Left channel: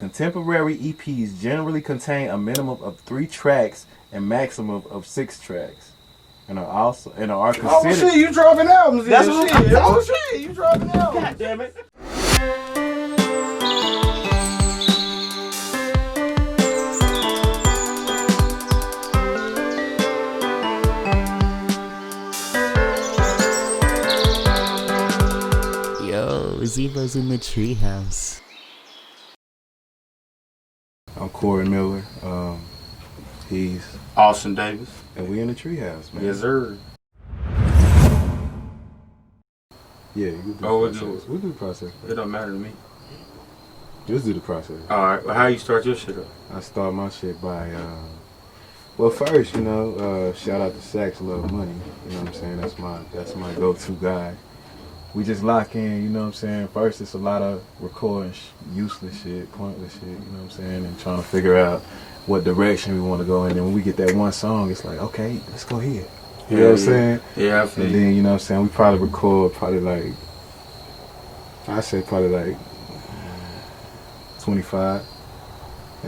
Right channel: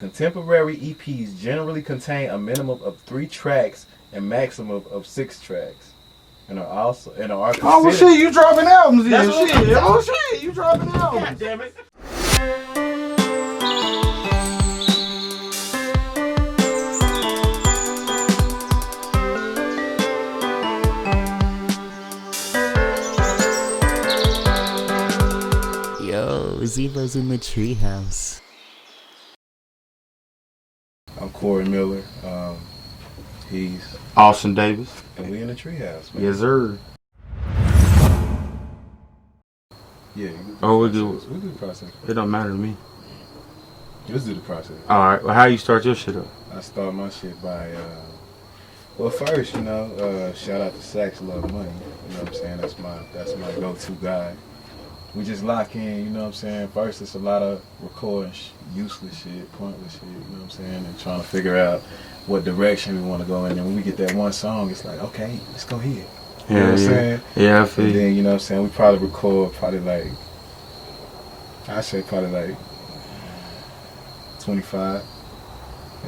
Contemporary EPs generally contain a minimum of 3 tracks and maximum of 6 tracks, and are considered. Oh well, shit, you dropping albums? That's what shit. Oh shit, you dropping albums? God damn it! Yo, Zevo's in the treehouse. I'm Corey Miller. He's Austyn Davys. and we in the treehouse, man. Yes, sir. Yeah. You do Oh, the we'll process. We'll do the process. It don't matter to me. Just do the process. All right. Well, how you start your shit up? I start my shit by, well, first, shout out to Sax Love Money. You know what I'm saying? That's my go-to guy. We just lock in, you know what I'm saying? First, it's a lot of recording useless shit, pointless shit, you know what I'm saying? And trying to figure out what direction we want to go in. And when we get that one song, it's like, okay, let's go here. You know what I'm saying? Yeah, I feel And then, you know what I'm saying, we probably record like 25.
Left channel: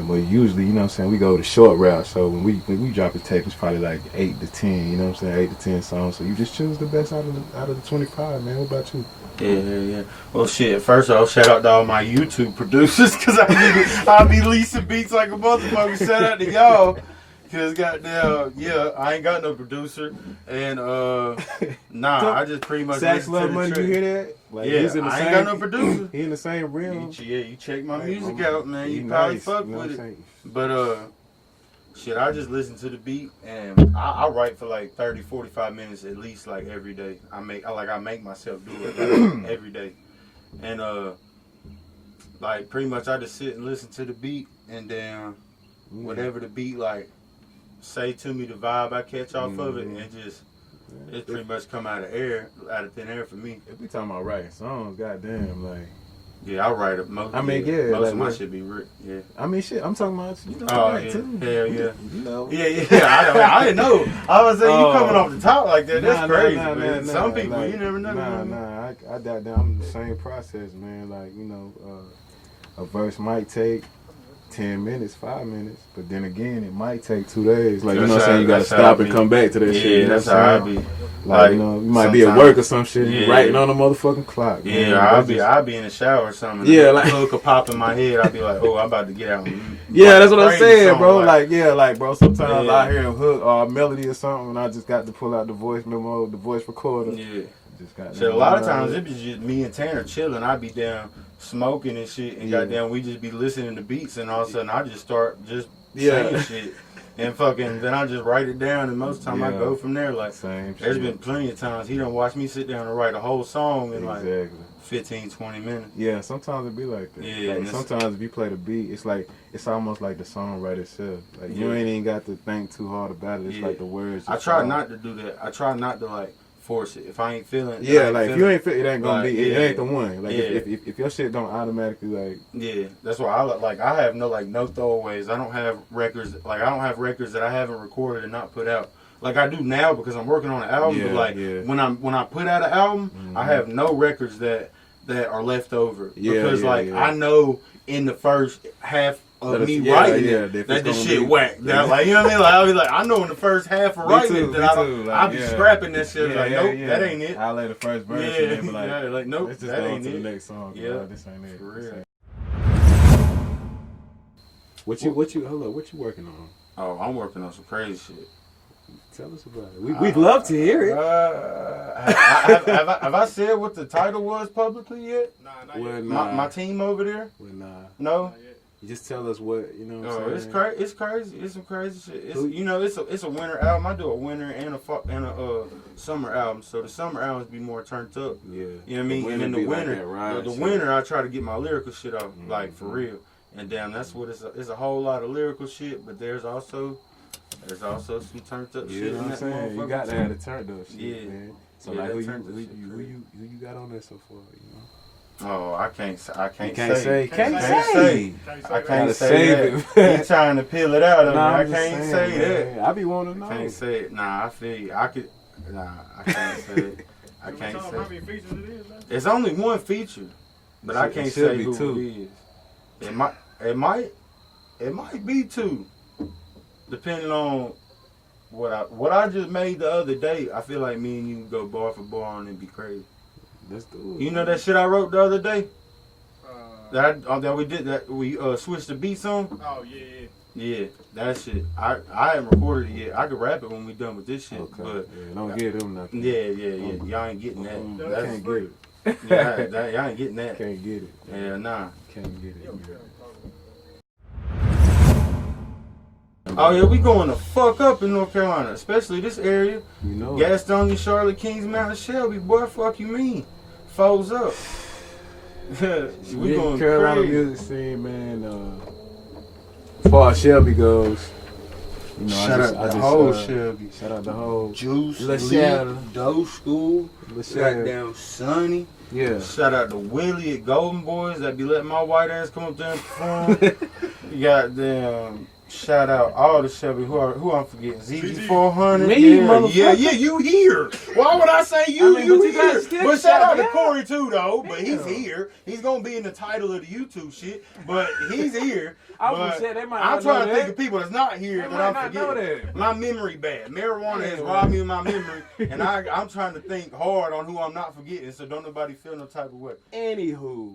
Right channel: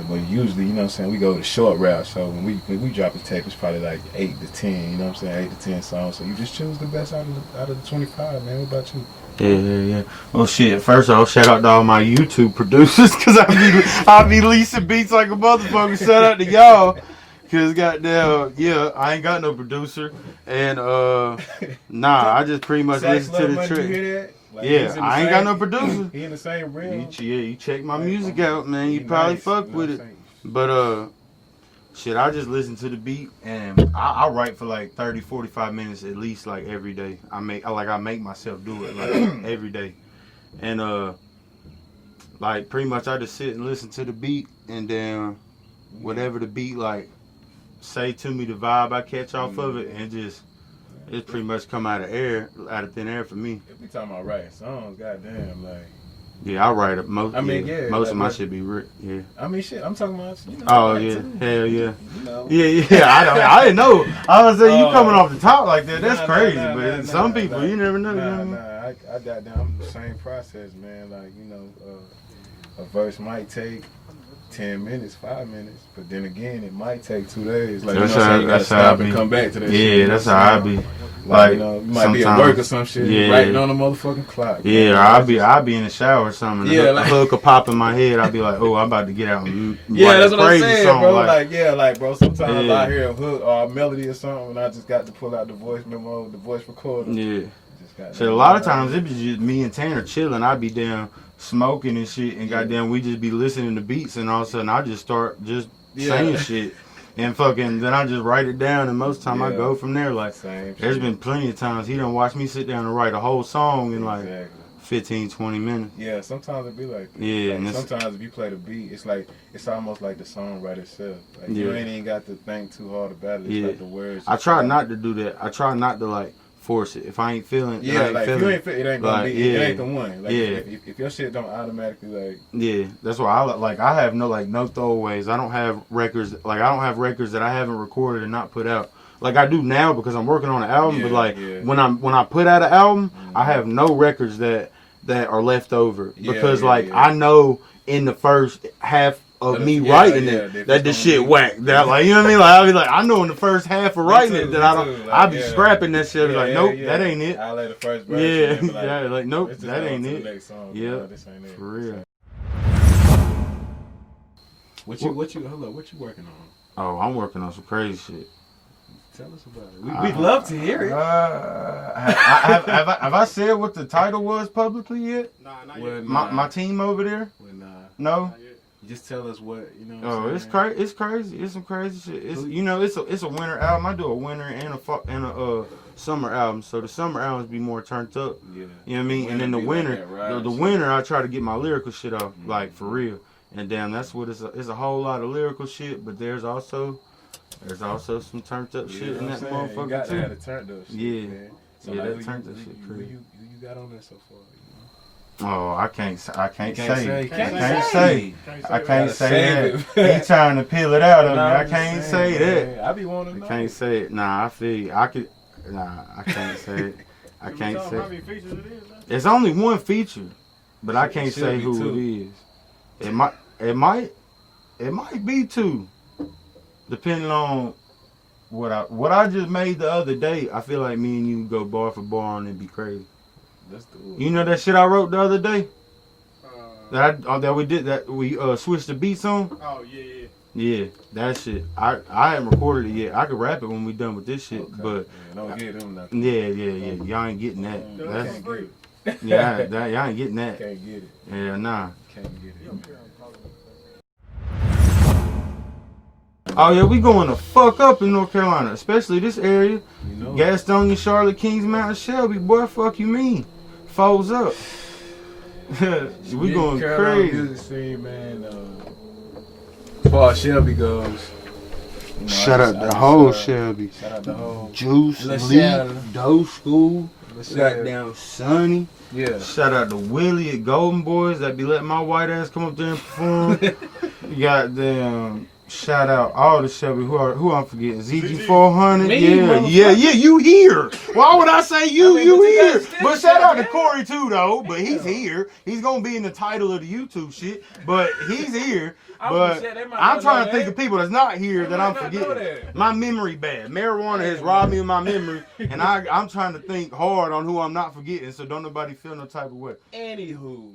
But usually, you know what I'm saying, we go the short route. So when we drop a tape, it's probably like 8 to 10, you know what I'm saying, 8 to 10 songs. So you just choose the best out of the 25, man. What about you? Yeah. Well, shit. First off, shout out to all my YouTube producers, cause I be leasing beats like a motherfucker. Shout out to y'all, cause goddamn, yeah, I ain't got no producer, and I just pretty much Sax listen to Love the Money, track. you hear that? Like, Yeah, he's in the I ain't same- got no producer. He in the same realm. You check my Like, music out, man. he You probably nice, fuck you know with what I'm it. saying? But shit, I just listen to the beat, and I write for like 30, 45 minutes at least, like every day. I make myself do it like every day, and like pretty much I just sit and listen to the beat, and then whatever the beat like say to me, the vibe I catch off of it, and just it's pretty much come out of thin air for me. If we talking about writing songs, goddamn, like. Yeah, I write it most. I mean, yeah, most like of my what- shit be written. Yeah. I mean, shit. I'm talking about, you know. Oh like, yeah, too. hell yeah. You know. Yeah. I didn't know. I was saying you coming off the top like that. That's Nah, crazy. nah, But nah, some nah, people, like, you never know. I got down. I'm the same process, man. Like, a verse might take 10 minutes, 5 minutes, but then again, it might take 2 days. Like, you know what I'm saying? You gotta stop and come back to that shit. Yeah, you know that's what I'm how I saying? be. Like, you might be at work or some shit, Yeah. writing on a motherfucking clock. man. Yeah, That's just- I'll be in the shower or something. Yeah, Yeah, like- like a hook will pop in my head. I'll be like, oh, I'm about to get out. And, Yeah, like, that's what I'm crazy saying, song, bro. Bro, sometimes Yeah. I hear a hook or a melody or something, and I just got to pull out the voice memo, the voice recorder. yeah. Just got So a lot of times it be just me and Tanner chilling. I be down smoking and shit, and Yeah. goddamn, we just be listening to beats, and all of a sudden I just start Yeah. saying shit, and fucking then I just write it down, and most of the time I Yeah. go from there. Like, Same there's shit. been plenty of times he done watched me sit down and write a whole song in like Exactly. 15, 20 minutes. Yeah, sometimes it be like that. Yeah, Like, and it's- sometimes if you play the beat, it's almost like the song right itself. Like you Yeah. ain't even got to think too hard about it. It's Yeah. like the words. I just try come. not to do that. I try not to like force it. If I ain't feeling, Yeah, like if you ain't fit, it ain't gonna like, be. It yeah. ain't the one. Like Yeah. if your shit don't automatically like. Yeah, that's why I have no throwaways. I don't have records that I haven't recorded and not put out. Like I do now because I'm working on an album. But Yeah, like yeah. when I put out an album, I Mhm. have no records that are left over Yeah, because yeah, like yeah. I know in the first half of That me it's- yeah, writing yeah, it if that it's the gonna shit be- whack. That like you know what I mean? Like I'll be like I know in the first half of writing too, it me that I too, don't. like, I'll be yeah. scrapping that shit. Yeah, Like yeah, nope, yeah. that ain't it. I lay the first verse. Yeah, and then be like, yeah, like nope, let's just that go ain't to it. the next song. Yeah. No, this ain't it. For real. What you working on? Oh, I'm working on some crazy shit. Tell us about it. We'd love to hear it. Have I said what the title was publicly yet? Nah, not Well, yet. nah. My team over there? Well, nah. No. Not yet. You just tell us what you know. What Oh, I'm it's saying? crazy. It's crazy. It's some crazy shit. It's a winter album. I do a winter and a summer album. So the summer albums be more turned up. Yeah. You know what I mean? And then the be like winter, that ride the shit. winter, I try to get my lyrical shit off, like for Mhm. real. And damn, that's what it's a whole lot of lyrical shit. But there's also some turned up You shit know in what I'm that saying? motherfucker. You got to too. have the turned up shit, Yeah. man. So Yeah, like, that who turned up shit crazy. you got on there so far? You know? Oh, I can't You say. Can't Can't say. say. Can't say I that. can't Gotta say save that. it. He trying to peel it out of me. Nah, I I'm just can't saying, say that. man. I be wanting to know. Can't say it. Nah, I feel you. I can't say it. I Can we can't tell them say how it. many features it is, man? It's only one feature, but I It can't should say be who two. it is. It might. It might be 2, depending on what I just made the other day. I feel like me and you go bar for bar on it and be crazy. Let's do it. You know that shit I wrote the other day? That we did, that we switched the beats on? Oh, yeah. Yeah, that shit. I haven't recorded it yet. I could rap it when we done with this shit, Okay. but Yeah, don't give them nothing. yeah. Y'all ain't getting that. Can't That's get it. yeah, y'all ain't getting that. Can't get it. Yeah, nah. Can't get it. Man. Oh yeah, we going to fuck up in North Carolina, especially this area. You know. Gastonia, Charlotte, Kings, Mountain, Shelby. Boy, fuck you mean? Foes up. We going Carolina crazy. music scene, man. As far as Shelby goes, you know, Shout out the whole Shelby. Shout out the whole Juice, LaSalle. Lee, Doe School, LaSalle. goddamn Sonny. Yeah. Shout out to Willie at Golden Boys that be letting my white ass come up there and perform. Goddamn. Shout out all the Shelby. Who I'm forgetting? ZG400. Me, Yeah, motherfucker. you here. Why would I say you? I mean, You but you here. gotta still But shout out to shout Corey too, though. But he's Yeah. here. He's gonna be in the title of the YouTube shit. But he's here. I was But gonna say, they might I'm not trying know to think that. of people that's not here They that might I'm not know forgetting. that. My memory bad. Marijuana has robbed me of my memory, and I'm trying to think hard on who I'm not forgetting, so don't nobody feel no type of way. Anywho,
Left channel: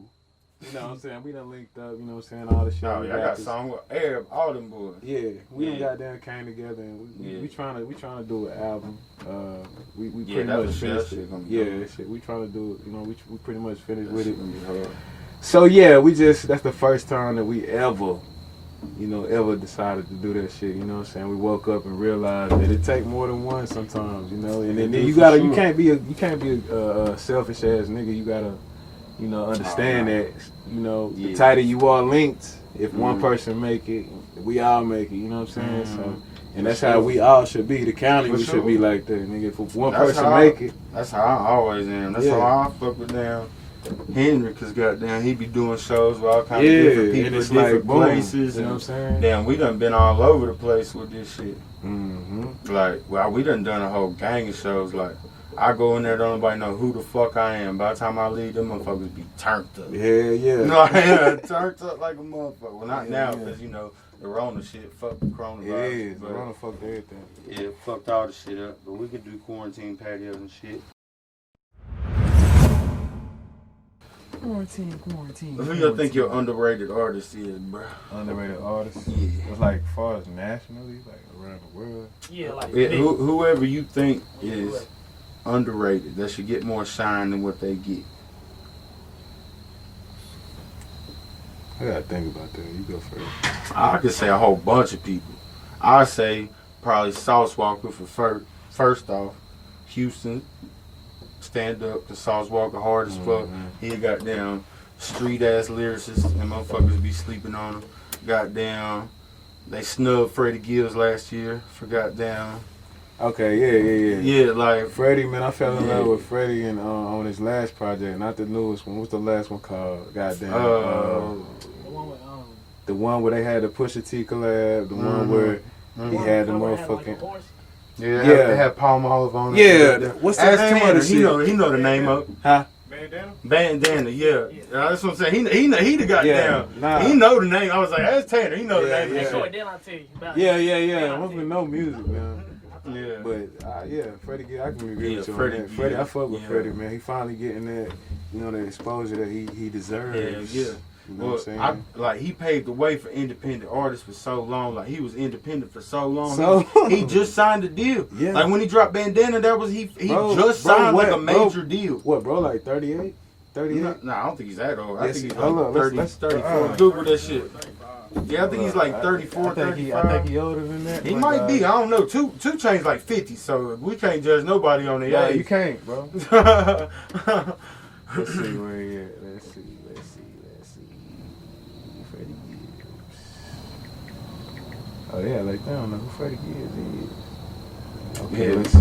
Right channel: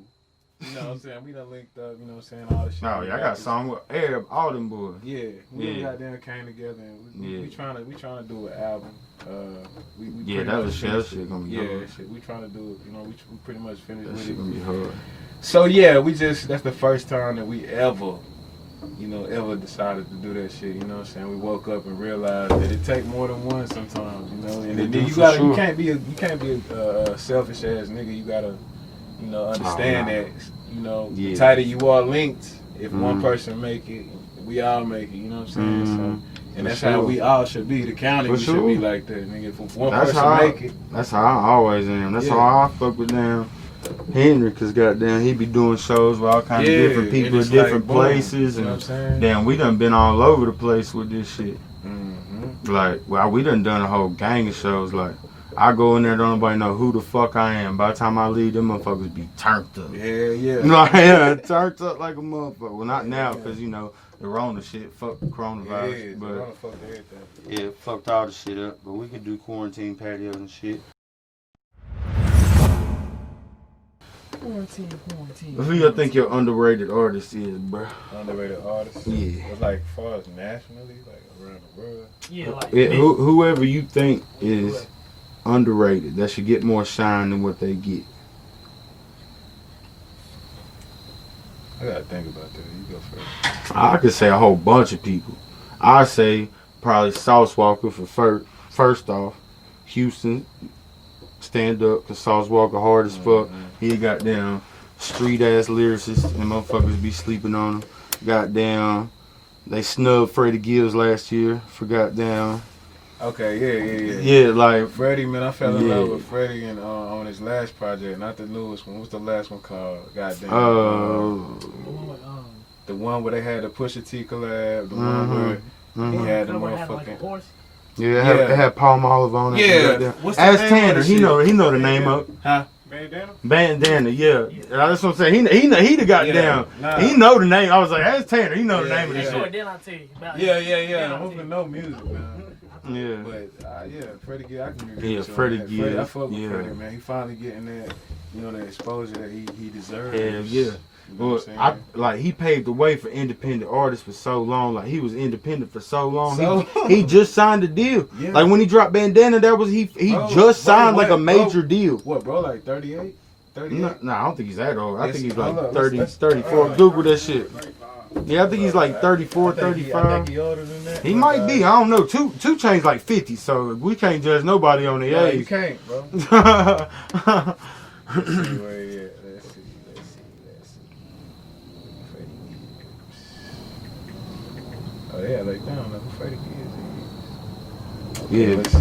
you know what I'm saying? We done linked up, you know what I'm saying? All the shit. No, yeah, I got a song with Arab, all them boys. Yeah, we Yeah. got down, came together, and we trying to do an album. We Yeah, pretty that much shit finished. gonna be Yeah, hard. that shit. We trying to do it. You know, we pretty much finished That with shit it. gonna be hard. So yeah, that's the first time that we ever decided to do that shit. You know what I'm saying? We woke up and realized that it take more than one sometimes. You know, and then do you for gotta sure. you can't be a selfish ass nigga. You gotta understand that Yeah. the tighter you are linked, if one Mhm. person make it, we all make it. You know what I'm saying? Mhm. So, and For that's sure. how we all should be. The county For we should sure. be like that, nigga. If one That's person how make it, That's how I always am. That's Yeah. how I fuck with them. Henry, cause goddamn, he be doing shows with all kinds yeah, of different people and in it's different boom, places. You know what I'm And saying? damn, we done been all over the place with this shit. Mm-hmm. Like, well, we done a whole gang of shows. Like, I go in there, don't nobody know who the fuck I am. By the time I leave, them motherfuckers be turned up. Yeah. No, yeah, turned up like a motherfucker. Well, not Yeah, now, yeah. because, the Rona shit, fuck the Yeah, coronavirus. but I don't fuck everything. Yeah, fucked all the shit up. But we can do quarantine patios and shit. Quarantine. Who you think your underrated artist is, bro? Underrated artist? Yeah. But like far as nationally, like around the world. Yeah, like Yeah, me. whoever you think is underrated, that should get more shine than what they get. I gotta think about that. You go first. I could say a whole bunch of people. I say probably Sauce Walker for first off. Houston, stand up, cause Sauce Walker hard as fuck. He goddamn street ass lyricist, and motherfuckers be sleeping on him. Goddamn, they snubbed Freddie Gibbs last year for goddamn. Okay, yeah. Yeah, like Freddie, man, I fell in Yeah. love with Freddie and on his last project, not the newest one. What's the last one called? Goddamn. The one with, the one where they had the Pusha T collab. The one Mhm. where he had the one where it had, like, a motherfucking. horse. yeah, Yeah. it had Palm Olive on it. Yeah. What's the Ask name of Tanner, the he shit? know the name of it. Huh? Bandana? Bandana, yeah. That's what I'm saying. He the goddamn. Nah. He know the name. I was like, ask Tanner. He know the Yeah, name of Hey, that show it, shit. then I'll tell you about Yeah. Then I I'll hope tell you you. know music, man. Yeah. But yeah, Freddie Gibbs, I can agree Yeah, with you. Freddie on that. Gibbs, Freddie, I fuck with yeah. Freddie, man. He finally getting that, the exposure that he deserves. Hell yeah. You know Well, what I'm saying? he paved the way for independent artists for so long. Like, he was independent for so long. So- He just signed a deal. Yeah. Like, when he dropped Bandana, that was he Bro, just signed like a what, major bro? deal. What, bro? Like 38? 38? No, I don't think he's that old. I Yes, think he's hold like up, 30, let's- 34. Google that shit. Yeah, I think he's like I 34, think 35. he older than that. He but, might be. I don't know. Two Chainz like 50, so we can't judge nobody on the Yeah, age. you can't, bro. Let's see where he at. Let's see. Freddie Gibbs. Oh yeah, like I don't know who Freddie Gibbs is. Okay, Yeah. let's see.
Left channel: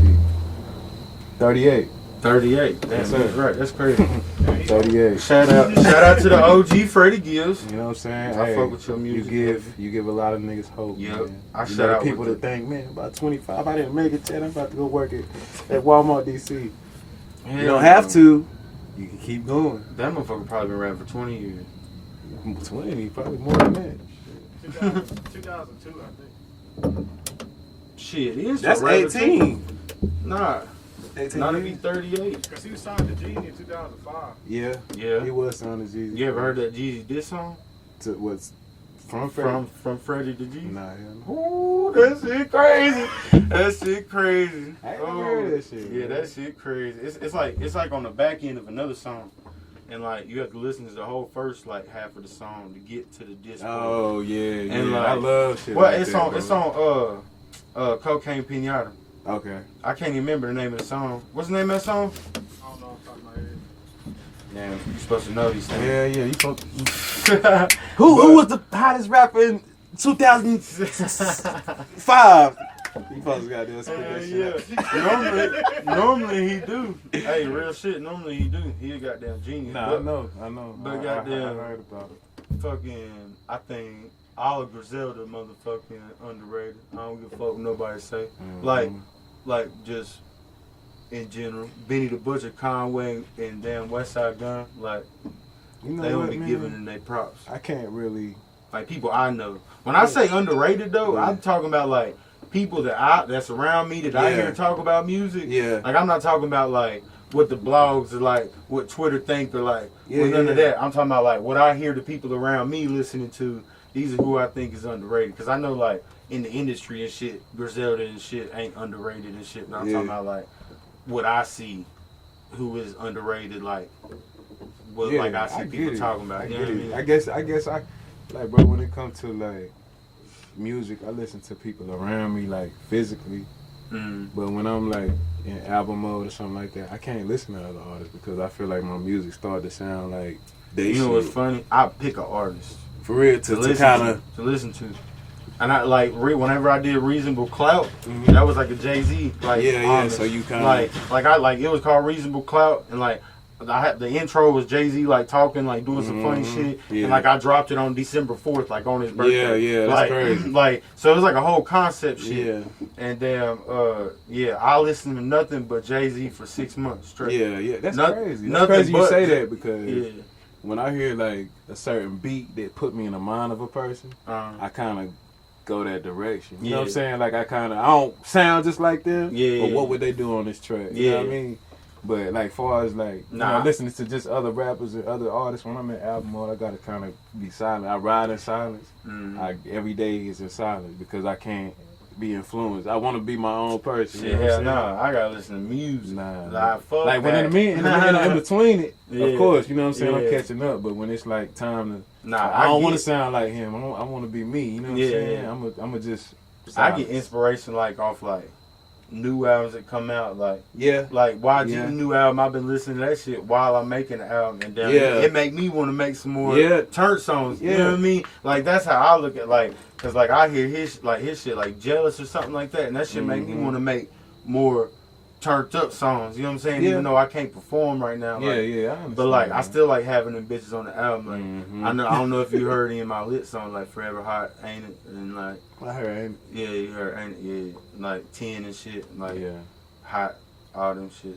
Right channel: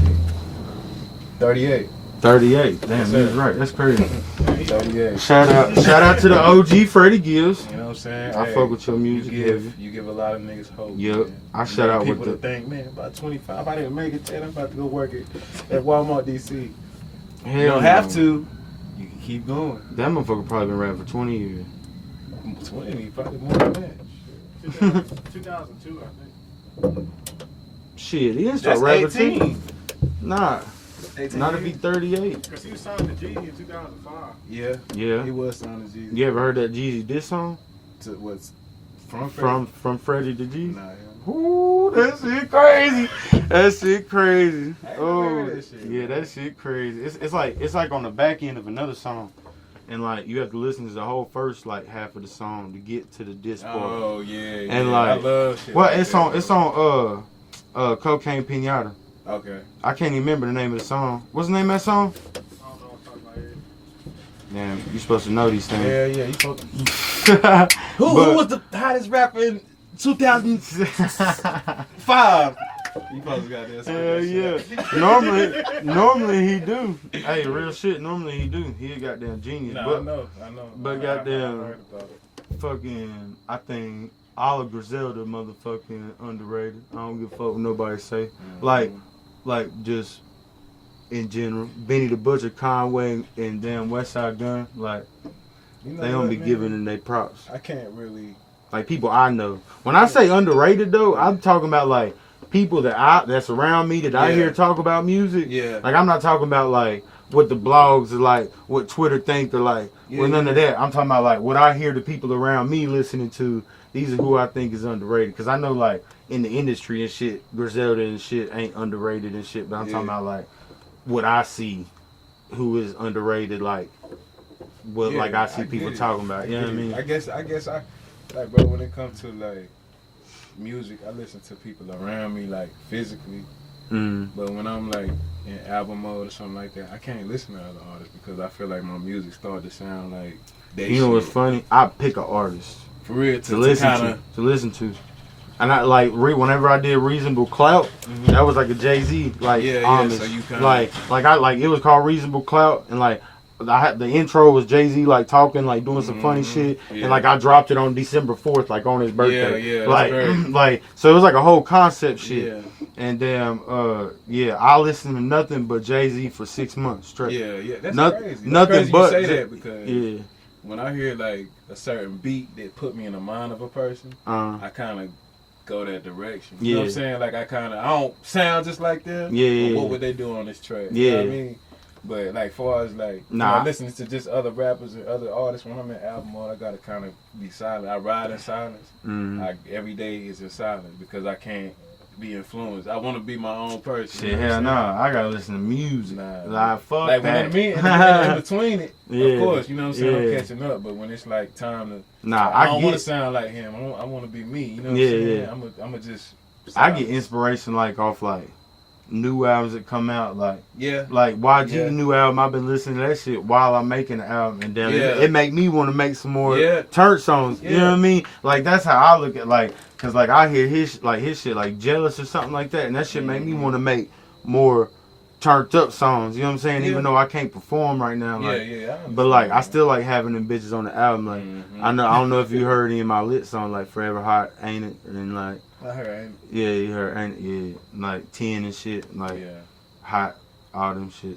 38. 38. Damn, Yes, he's sir. right. That's crazy. 38. Shout out to the OG Freddie Gibbs. You know what I'm saying? I fuck with your music, You give a lot of niggas hope. Yep. Man. I You shout know, out with people the- to think, man, about 25. I didn't make it 10. I'm about to go work at Walmart DC. You don't have to. You can keep going. That motherfucker probably been rapping for 20 years. 20, probably more than that. 2002, I think. Shit, he is That's a rapper 18. too. Nah, 18 not to be years? 38. Because he was signed to Jeezy in 2005. Yeah, Yeah. he was signed to Jeezy. You ever heard that Jeezy diss song? To what's from From Freddie to Jeezy? Nah, hell no. Ooh, that shit crazy. That shit crazy. I ain't never heard that shit, Yeah, man. that shit crazy. It's like on the back end of another song. And like you have to listen to the whole first like half of the song to get to the diss part. Oh yeah, And yeah. like I love shit. Well, like it's that, on bro. Cocaine Pinata. Okay. I can't even remember the name of the song. What's the name of that song? I don't know off the top of my head. Yeah, you're supposed to know these things. Yeah, you supposed to. Who was the hottest rapper in 2005? You supposed to got that. Yeah. Normally he do. Hey, real shit. Normally he do. He a goddamn genius. Nah, but I know. but I goddamn- heard about it. fucking, I think Olive Griselda motherfucking underrated. I don't give a fuck what nobody say. Like just in general, Benny the Butcher, Conway, and damn Westside Gun. Like You know they don't what, be man? giving them they props. I can't really. Like people I know. When I say underrated though, I'm talking about like people that's around me that I Yeah. hear talk about music. Yeah. Like I'm not talking about like what the blogs are like, what Twitter think or like, Yeah, none of yeah. that. I'm talking about like what I hear the people around me listening to. These are who I think is underrated. Cause I know like in the industry and shit, Griselda and shit ain't underrated and shit. But I'm talking about like what I see, who is underrated. Like what Yeah, like I see get people it. talking about. You know what I get it. mean? I guess I like, bro. When it comes to like music, I listen to people around me like physically. Mm. But when I'm like in album mode or something like that, I can't listen to other artists because I feel like my music started to sound like they. You know what's shit. funny? I pick an artist For real to listen to. And I like whenever I did Reasonable Clout, that was like a Jay-Z like homage. So you kind like it was called Reasonable Clout, and like I had the intro was Jay-Z like talking like doing some funny shit, and like I dropped it on December 4th like on his birthday. Yeah, like that's crazy. like so it was like a whole concept shit. Yeah. And then I listened to nothing but Jay-Z for 6 months straight. Yeah, that's Nothing- crazy. That's nothing crazy you but say Jay- that because Yeah. when I hear like a certain beat that put me in the mind of a person, I kind of go that direction. You know what I'm Yeah. saying? Like I don't sound just like them. Yeah, But yeah. what would they do on this track? Yeah. You know what I mean? But like far as like Nah. listening to just other rappers and other artists, when I'm in album mode, I gotta kind of be silent. I ride in silence. Every day is in silence because I can't be influenced. I want to be my own person. Shit, you know what hell I'm no. saying? I gotta listen to music. Nah, Like, fuck like when that. in between it, Yeah. of course, you know what I'm saying. I'm Yeah. catching up, but when it's like time to, Nah, I don't get- want to sound like him. I want to be me. You know what Yeah, I'm saying? yeah. I'm just. I get inspiration like off like new albums that come out like Yeah. like YG's Yeah. new album. I've been listening to that shit while I'm making the album, and then Yeah. it make me want to make some more Yeah. turnt songs. You know Yeah. what I mean? Like that's how I look at like, cause like I hear his shit like Jealous or something like that, and that shit make me want to make more turned up songs. You know what I'm saying? Yeah. Even though I can't perform right now. Like, Yeah. I understand, But like I man. still like having them bitches on the album. Like Mhm. I don't know if you heard any of my lit songs like Forever Hot, Ain't It, and like I heard. yeah, you heard Ain't It, yeah, like 10 and shit, like Yeah. Hot, all them shits.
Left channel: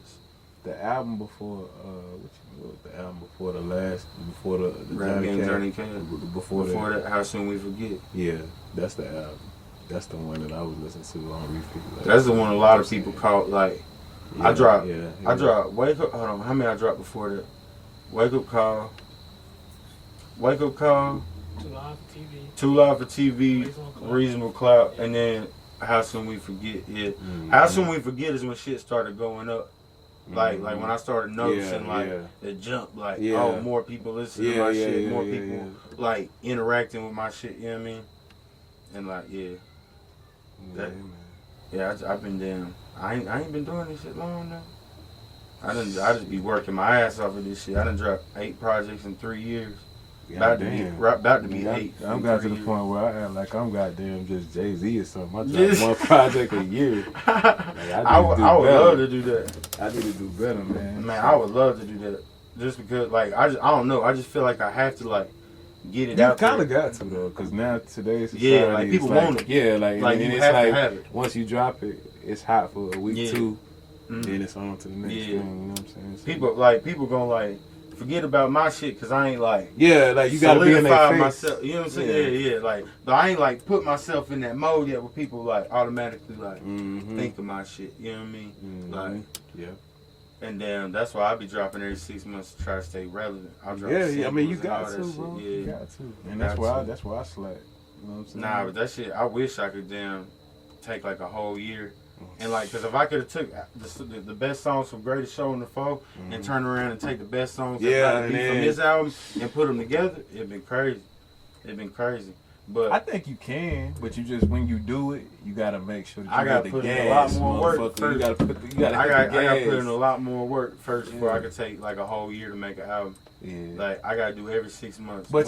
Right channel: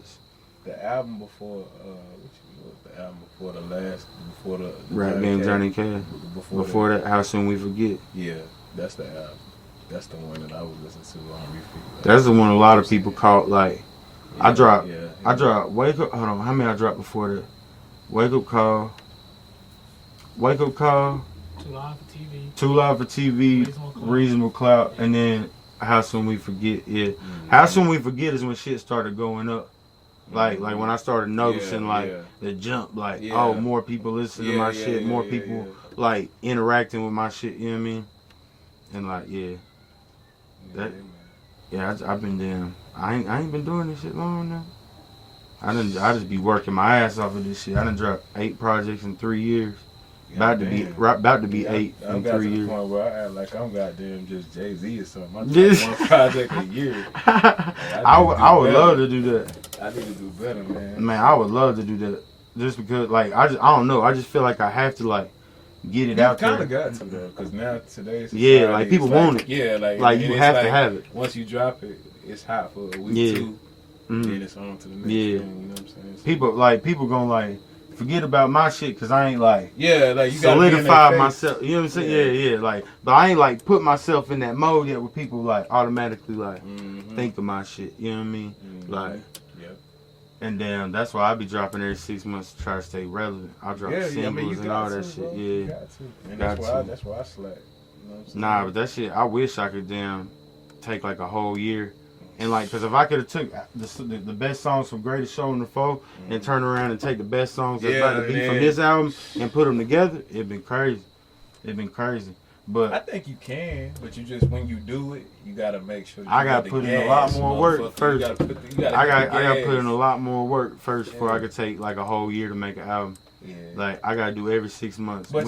The album before, what was the album before the last, before the Rap Game Journey Cash. Before that, How Soon We Forget. Yeah, that's the album. That's the one that I was listening to on repeat. Like, That's the one a lot of people caught like. I dropped. Yeah, I dropped. Wake Up. Hold on. How many I dropped before that? Wake Up Call. Wake Up Call. Too Live for TV. Too Loud for TV. Reasonable Clout, and then How Soon We Forget. Yeah. How Soon We Forget is when shit started going up. Like when I started noticing the jump, like more people listen to my shit, more people like interacting with my shit. You know what I mean? And like I've been down. I ain't been doing this shit long now. I just be working my ass off of this shit. I done dropped 8 projects in 3 years. About to be 8 I'm in got 3 to the years. point where I act like I'm goddamn just Jay-Z or something. I drop one project a year. I would love to do that. I need to do better, man. Man, I would love to do that. Just because, like, I don't know. I just feel like I have to, like, get it out there. You kind of got to, though, because now today's society, Yeah, like, people want it. Yeah, Like, you have to have it. Once you drop it, it's hot for a week, 2, then it's on to the next thing, you know what I'm saying? So, People gonna, like, forget about my shit because I ain't like Yeah, like you gotta be in solidify their face. myself. You know what I'm saying? Yeah, like, but I ain't like put myself in that mode yet where people like automatically like think of my shit. You know what I mean? Like, yeah. and then that's why I be dropping every 6 months to try to stay relevant. I drop Yeah, singles I mean you and got all that to, shit. bro. Yeah, You got to. And Got to. that's why I slack. You know what I'm saying? nah, but that shit, I wish I could take like a whole year. And like, cause if I could have took the best songs from Greatest Show on the Four and turn around and take the best songs that's about to be from this album and put them together, it'd been crazy. It'd been crazy. But I think you can, but you just when you do it, you gotta make sure that you I gotta put in a lot more work first. I gotta put in a lot more work first before I could take like a whole year to make an album. Yeah. Like I gotta do every 6 months. But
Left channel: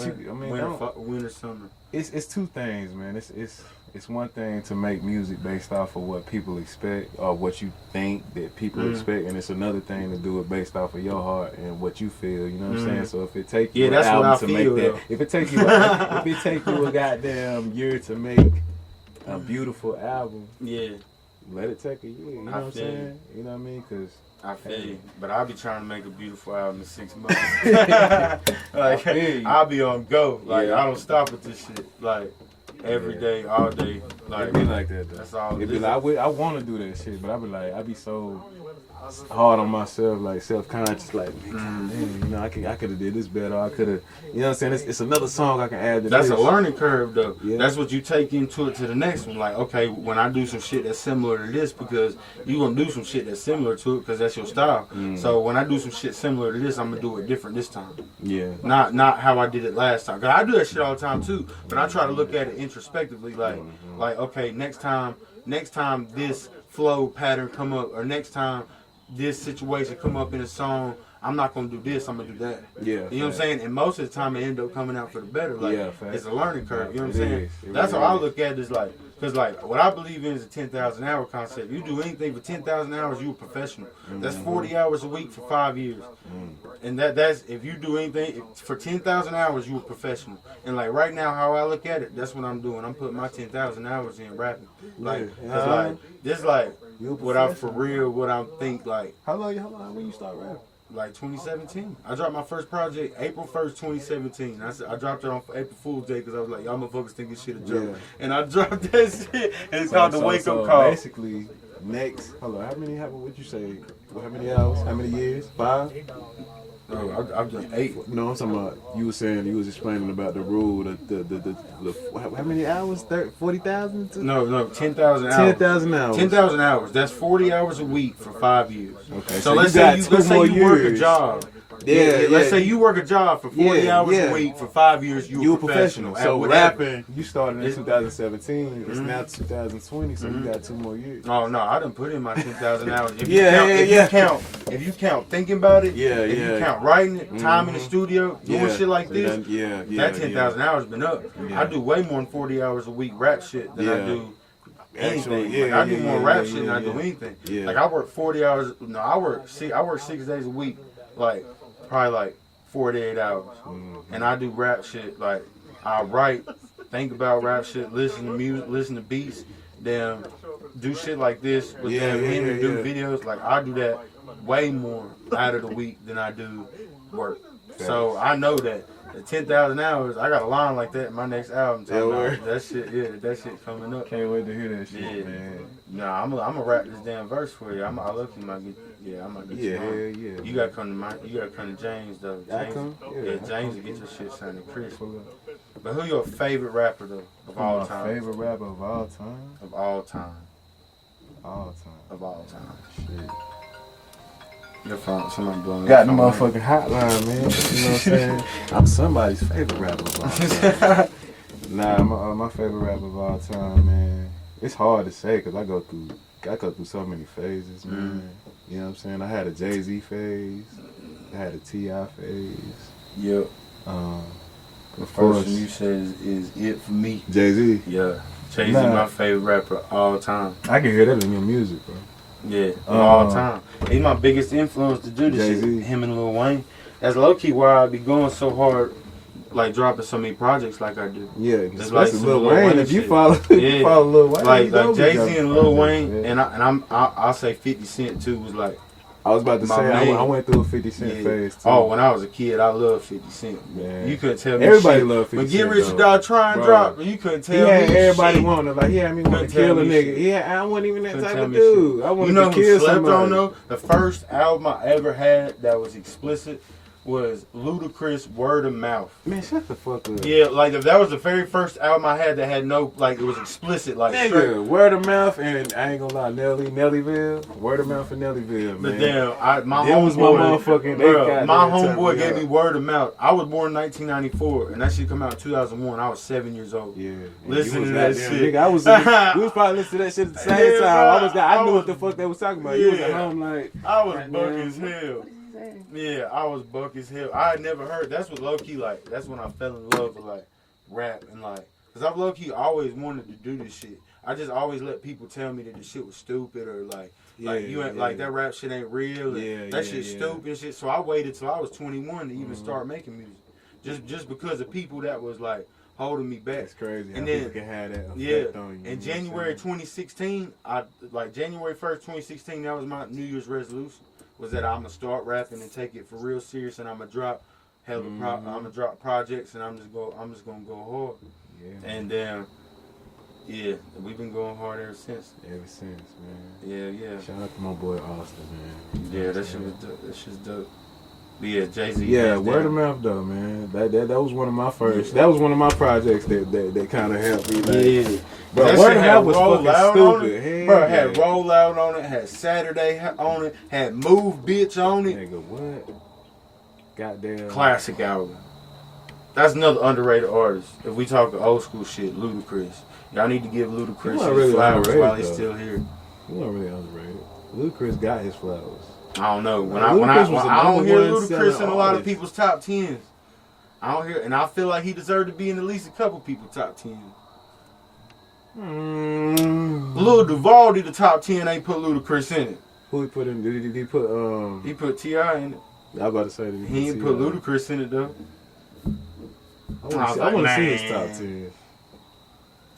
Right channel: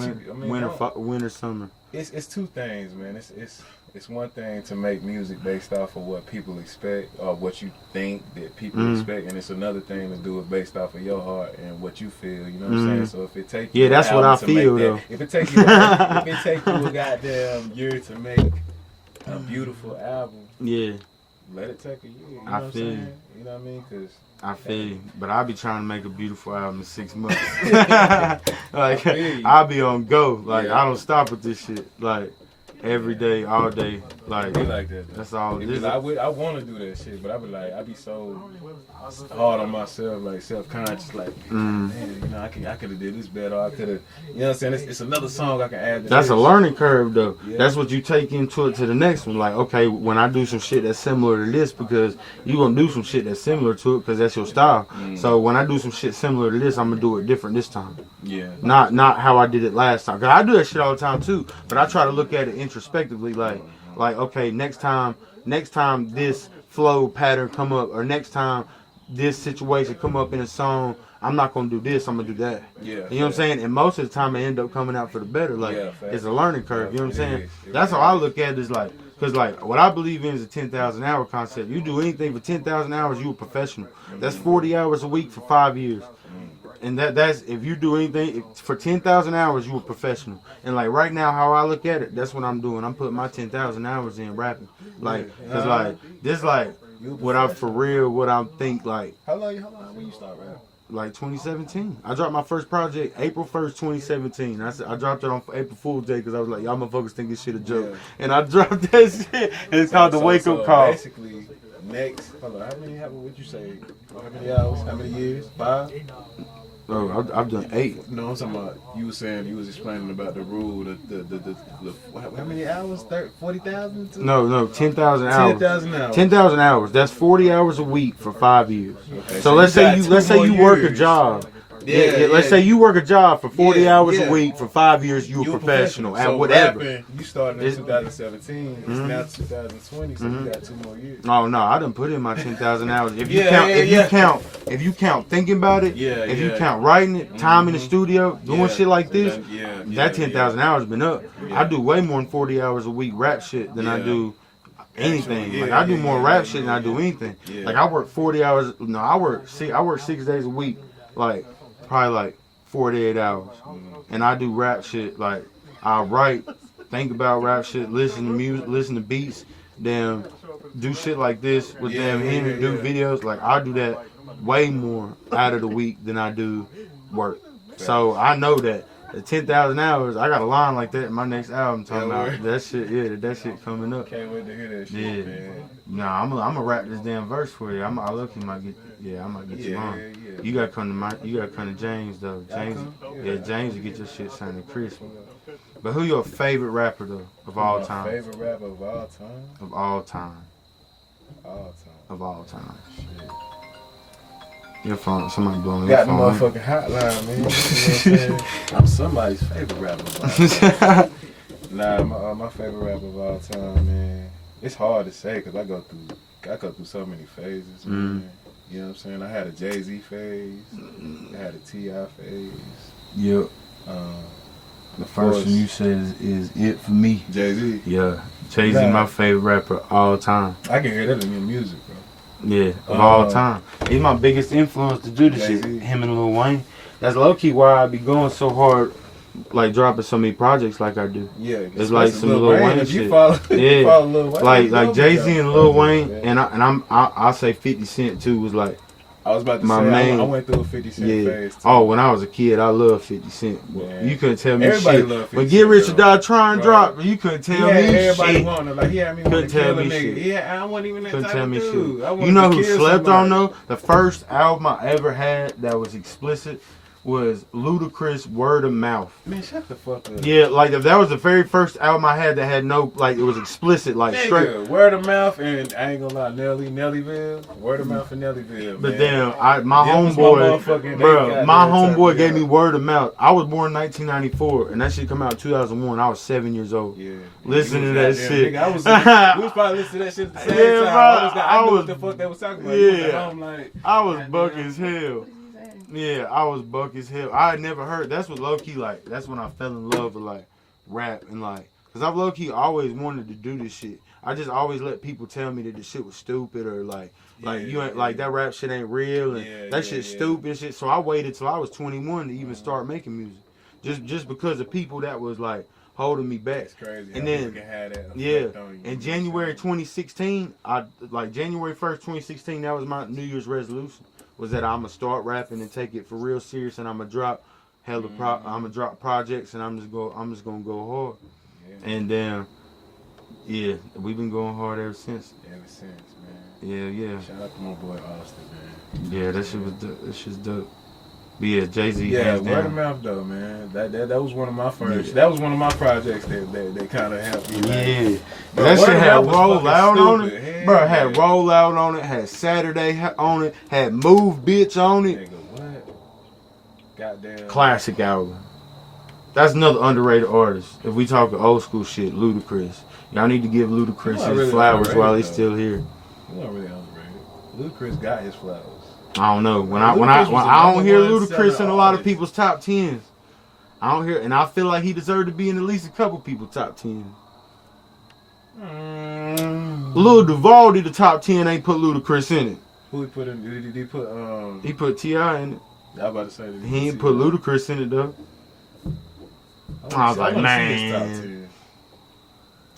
winter, summer. It's two things, man. It's one thing to make music based off of what people expect or what you think that people expect, and it's another thing to do it based off of your heart and what you feel. You know what I'm saying? So if it takes you that's what I feel. If it takes you a goddamn year to make a beautiful album, Yeah, let it take a year. You know I what I'm feel saying? you. You know what I mean? Cause I feel you. But I be trying to make a beautiful album in 6 months. Like I'll be on go. Like I don't stop with this shit. Like every day, all day. Like it be like that though. that's all it It be is. like, I want to do that shit, but I be so hard on myself, like self-conscious, like, man, you know, I could have did this better. I could have, you know what I'm saying? It's another song I can add to That's this. a learning curve though. Yeah. That's what you take into it to the next one. Like, okay, when I do some shit that's similar to this, because you gonna do some shit that's similar to it because that's your style. So when I do some shit similar to this, I'm gonna do it different this time. Yeah. Not how I did it last time. Cause I do that shit all the time too. But I try to look at it introspectively, like okay, next time this flow pattern come up, or next time this situation come up in a song, I'm not gonna do this, I'm gonna do that. Yeah. You know what I'm saying? And most of the time it end up coming out for the better. Like it's a learning curve. You know what I'm saying? That's how I look at it. Is like, cause like what I believe in is a 10,000 hour concept. You do anything for 10,000 hours, you a professional. That's 40 hours a week for 5 years. And that's if you do anything for 10,000 hours, you a professional. And like right now, how I look at it, that's what I'm doing. I'm putting my 10,000 hours in rapping. Like, cause like this like what I'm for real, what I'm think like. How long when you start rapping? Like 2017. I dropped my first project April 1st, 2017. I dropped it on April Fool's Day because I was like, y'all motherfuckers think this shit a joke. And I dropped that shit. And it's called the Wake Up Call. Basically, next, hold on, what'd you say? How many hours? How many years? 5? Oh, I've done 8. No, I'm talking about, you were saying, you was explaining about the rule, the how many hours? 40,000? No, 10,000 hours. 10,000 hours. 10,000 hours. That's 40 hours a week for 5 years. Okay, So let's say you work a years. job. Yeah, let's say you work a job for 40 hours yeah. a week for 5 years. You a professional at So whatever. rapping, you started in 2017. It's now 2020, so you got 2 more years. Oh no, I done put in my 10,000 hours. If you count thinking about it, if you count writing it, time in the studio, doing shit like this, that 10,000 hours been up. I do way more than 40 hours a week rap shit than I do anything. Like, I do more rap shit than I do anything. Like I work 40 hours. No, I work 6 days a week. Like probably like 48 hours, and I do rap shit. Like I write, think about rap shit, listen to music, listen to beats, then do shit like this with them Henry, do videos. Like I do that way more out of the week than I do work. So I know that the 10,000 hours, I got a line like that in my next album talking about that shit. That shit coming up. Can't wait to hear that shit, man. Nah, I'm gonna rap this damn verse for you. I look, you might get. Yeah, I might get you on. You gotta come to James though. James to get your shit sounding crisp. But who your favorite rapper though of all time? Favorite rapper of all time? Of all time. Of all time. Shit. Your phone, somebody blowing Got the your phone. motherfucking hotline, man. You know what I'm saying? I'm somebody's favorite rapper of all time. Nah, my favorite rapper of all time, man. It's hard to say because I go through so many phases, man. You know what I'm saying? I had a Jay-Z phase. I had a T.I. phase. Yep. The first one you said is it for me. Jay-Z? Yeah. Jay-Z my favorite rapper all time. I can hear that in your music, bro. Yeah, all time. He's my biggest influence to do this shit. Him and Lil Wayne. That's low-key why I be going so hard, like dropping so many projects like I do. Yeah, it's like some Lil Wayne if shit. you follow Lil Wayne. Like Jay-Z and Lil Wayne, and I'll say 50 Cent too was like I was about to My say, main- I went through a 50 Cent Yeah. phase too. Oh, when I was a kid, I loved 50 Cent. Man. You couldn't tell me Everybody shit. loved 50 But Get Cent, Rich or though. Die Trying Bro. Drop, you couldn't He tell had me everybody shit. wanted, like, he had me want Couldn't to tell kill a me nigga. shit. Yeah, I wasn't even that Couldn't type tell of me dude. shit. I wanted You know to who kill slept somebody. on though? The first album I ever had that was explicit was Ludacris Word of Mouth. Man, shut the fuck up. Yeah, like if that was the very first album I had that had no, like it was explicit, like straight. Nigga, word of mouth, and I ain't gonna lie, Nellyville, word of mouth and Nellyville, But man. then my Them was homeboy, my motherfucking- bro, they my goddamn turned homeboy me gave up. me Word of Mouth. I was born in 1994, and that shit come out in 2001. I was 7 years old. Yeah. Listen You to was that goddamn shit. Nigga, we was probably listening to that shit at the same Yeah, time. bro, I knew was- what the fuck they was talking about. You was at Yeah. home like, I was goddamn, buck as hell. Yeah, I was buck as hell. I had never heard. That's what low key like. That's when I fell in love with like rap and like, cause I've low key always wanted to do this shit. I just always let people tell me that the shit was stupid or like you ain't like that rap shit ain't real and that shit's stupid and shit. So I waited till I was 21 to even start making music, just because of people that was like holding me back. That's crazy. And how then people can have that effect yeah, on you. in You know what I'm January saying? 2016, January 1st, 2016, that was my New Year's resolution. Was that I'm gonna start rapping and take it for real serious, and I'm gonna drop I'm gonna drop projects, and I'm just gonna go hard. Yeah, And then, yeah, we've been going hard ever since. ever since, man. Yeah. Shout out to my boy Austyn, man. Yeah, that shit was dope. That shit's dope. But yeah, Jay-Z. Yeah, hands word of down. mouth though, man. That was one of my first. That was one of my projects that kind of helped me. Like, Yeah. bro, That Word shit of had Mouth was Roll fucking Out on stupid. it. Hell Bro, it had yeah. Roll Out on it, had Saturday on it, had Move Bitch on it. Nigga, what? Goddamn. Classic album. That's another underrated artist. If we talk old school shit, Ludacris. Y'all need to give Ludacris He not his really flowers underrated, while he's though. still here. He wasn't really underrated. Ludacris got his flowers. I don't know. When Ludacris I was the don't hear number one Ludacris in selling a lot of artist. people's top tens. I don't hear, and I feel like he deserved to be in at least a couple people's top 10. Lil Duval did the top 10. They put Ludacris in it. Who he put in? Did he put He put T.I. in it. I was about to say that He ain't put Ludacris in it though. I like, want to see his top man. 10.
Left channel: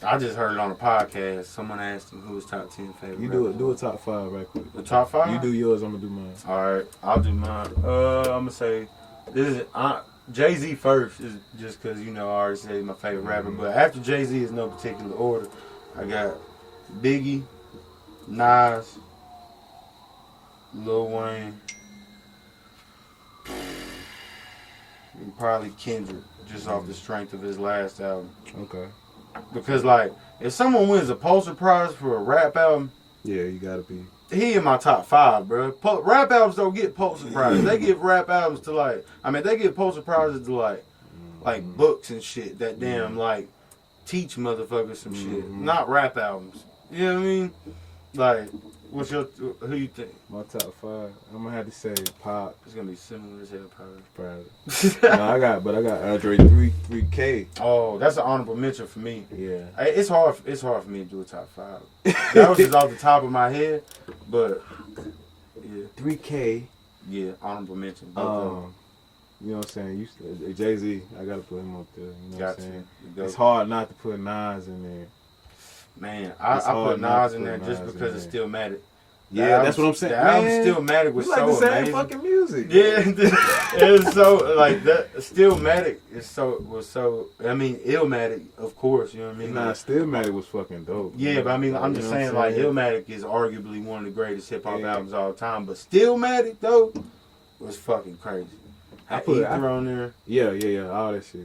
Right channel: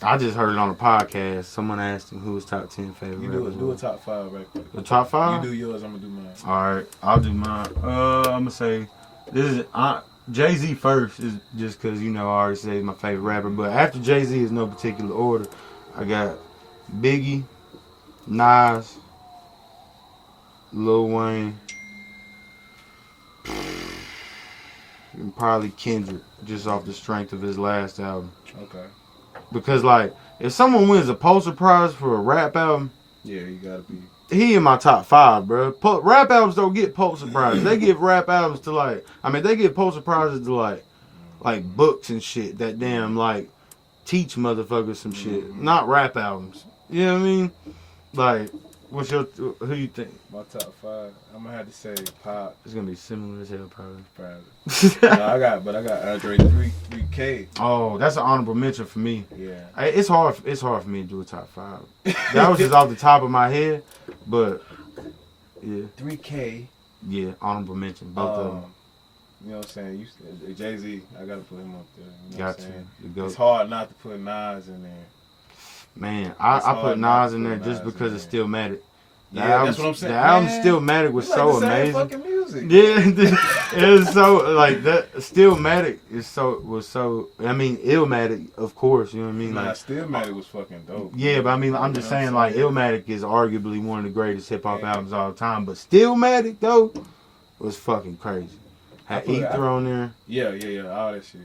I just heard it on a podcast. Someone asked him who his top 10 favorite. You rappers do a was. top 5 right quick. The top 5. You do yours. I'm gonna do mine. All right, I'll do mine. I'm gonna say this is Jay-Z first, is just because I already said he's my favorite rapper. But after Jay-Z is no particular order. I got Biggie, Nas, Lil Wayne, and probably Kendrick, just off the strength of his last album. Okay. Because like, if someone wins a Pulitzer Prize for a rap album, Yeah, you gotta be. he in my top 5, bro. Rap albums don't get Pulitzer Prizes. They give rap albums to they give Pulitzer Prizes to like books and shit that damn like teach motherfuckers some shit, not rap albums. You know what I mean? Like, who you think? My top 5. I'm gonna have to say Pop. It's gonna be similar as hell, probably. Probably. No, I got Andre 3K. Oh, that's an honorable mention for me. Yeah. It's hard for me to do a top 5. That was just off the top of my head, but yeah, 3K. yeah, honorable mention. Both of them. You know what I'm saying? Jay-Z, I gotta put him up there. You know Got what I'm saying? to. It's hard not to put Nas in there. Man, I It's put hard not Nas to in there put just Nas because in it's there. Stillmatic. Yeah, that's what I'm saying. The album Man, Stillmatic was We like so the same amazing. fucking music. Yeah, it was so like that. Stillmatic was so. I mean, Illmatic, of course. You know what I mean? Nah, Like, Stillmatic was fucking dope. yeah, but I mean, I'm just You know saying, what like, Illmatic is arguably one of the greatest hip hop Yeah. albums of all time. But Stillmatic though was fucking crazy. I Had put- Ether on there. Yeah, all that shit.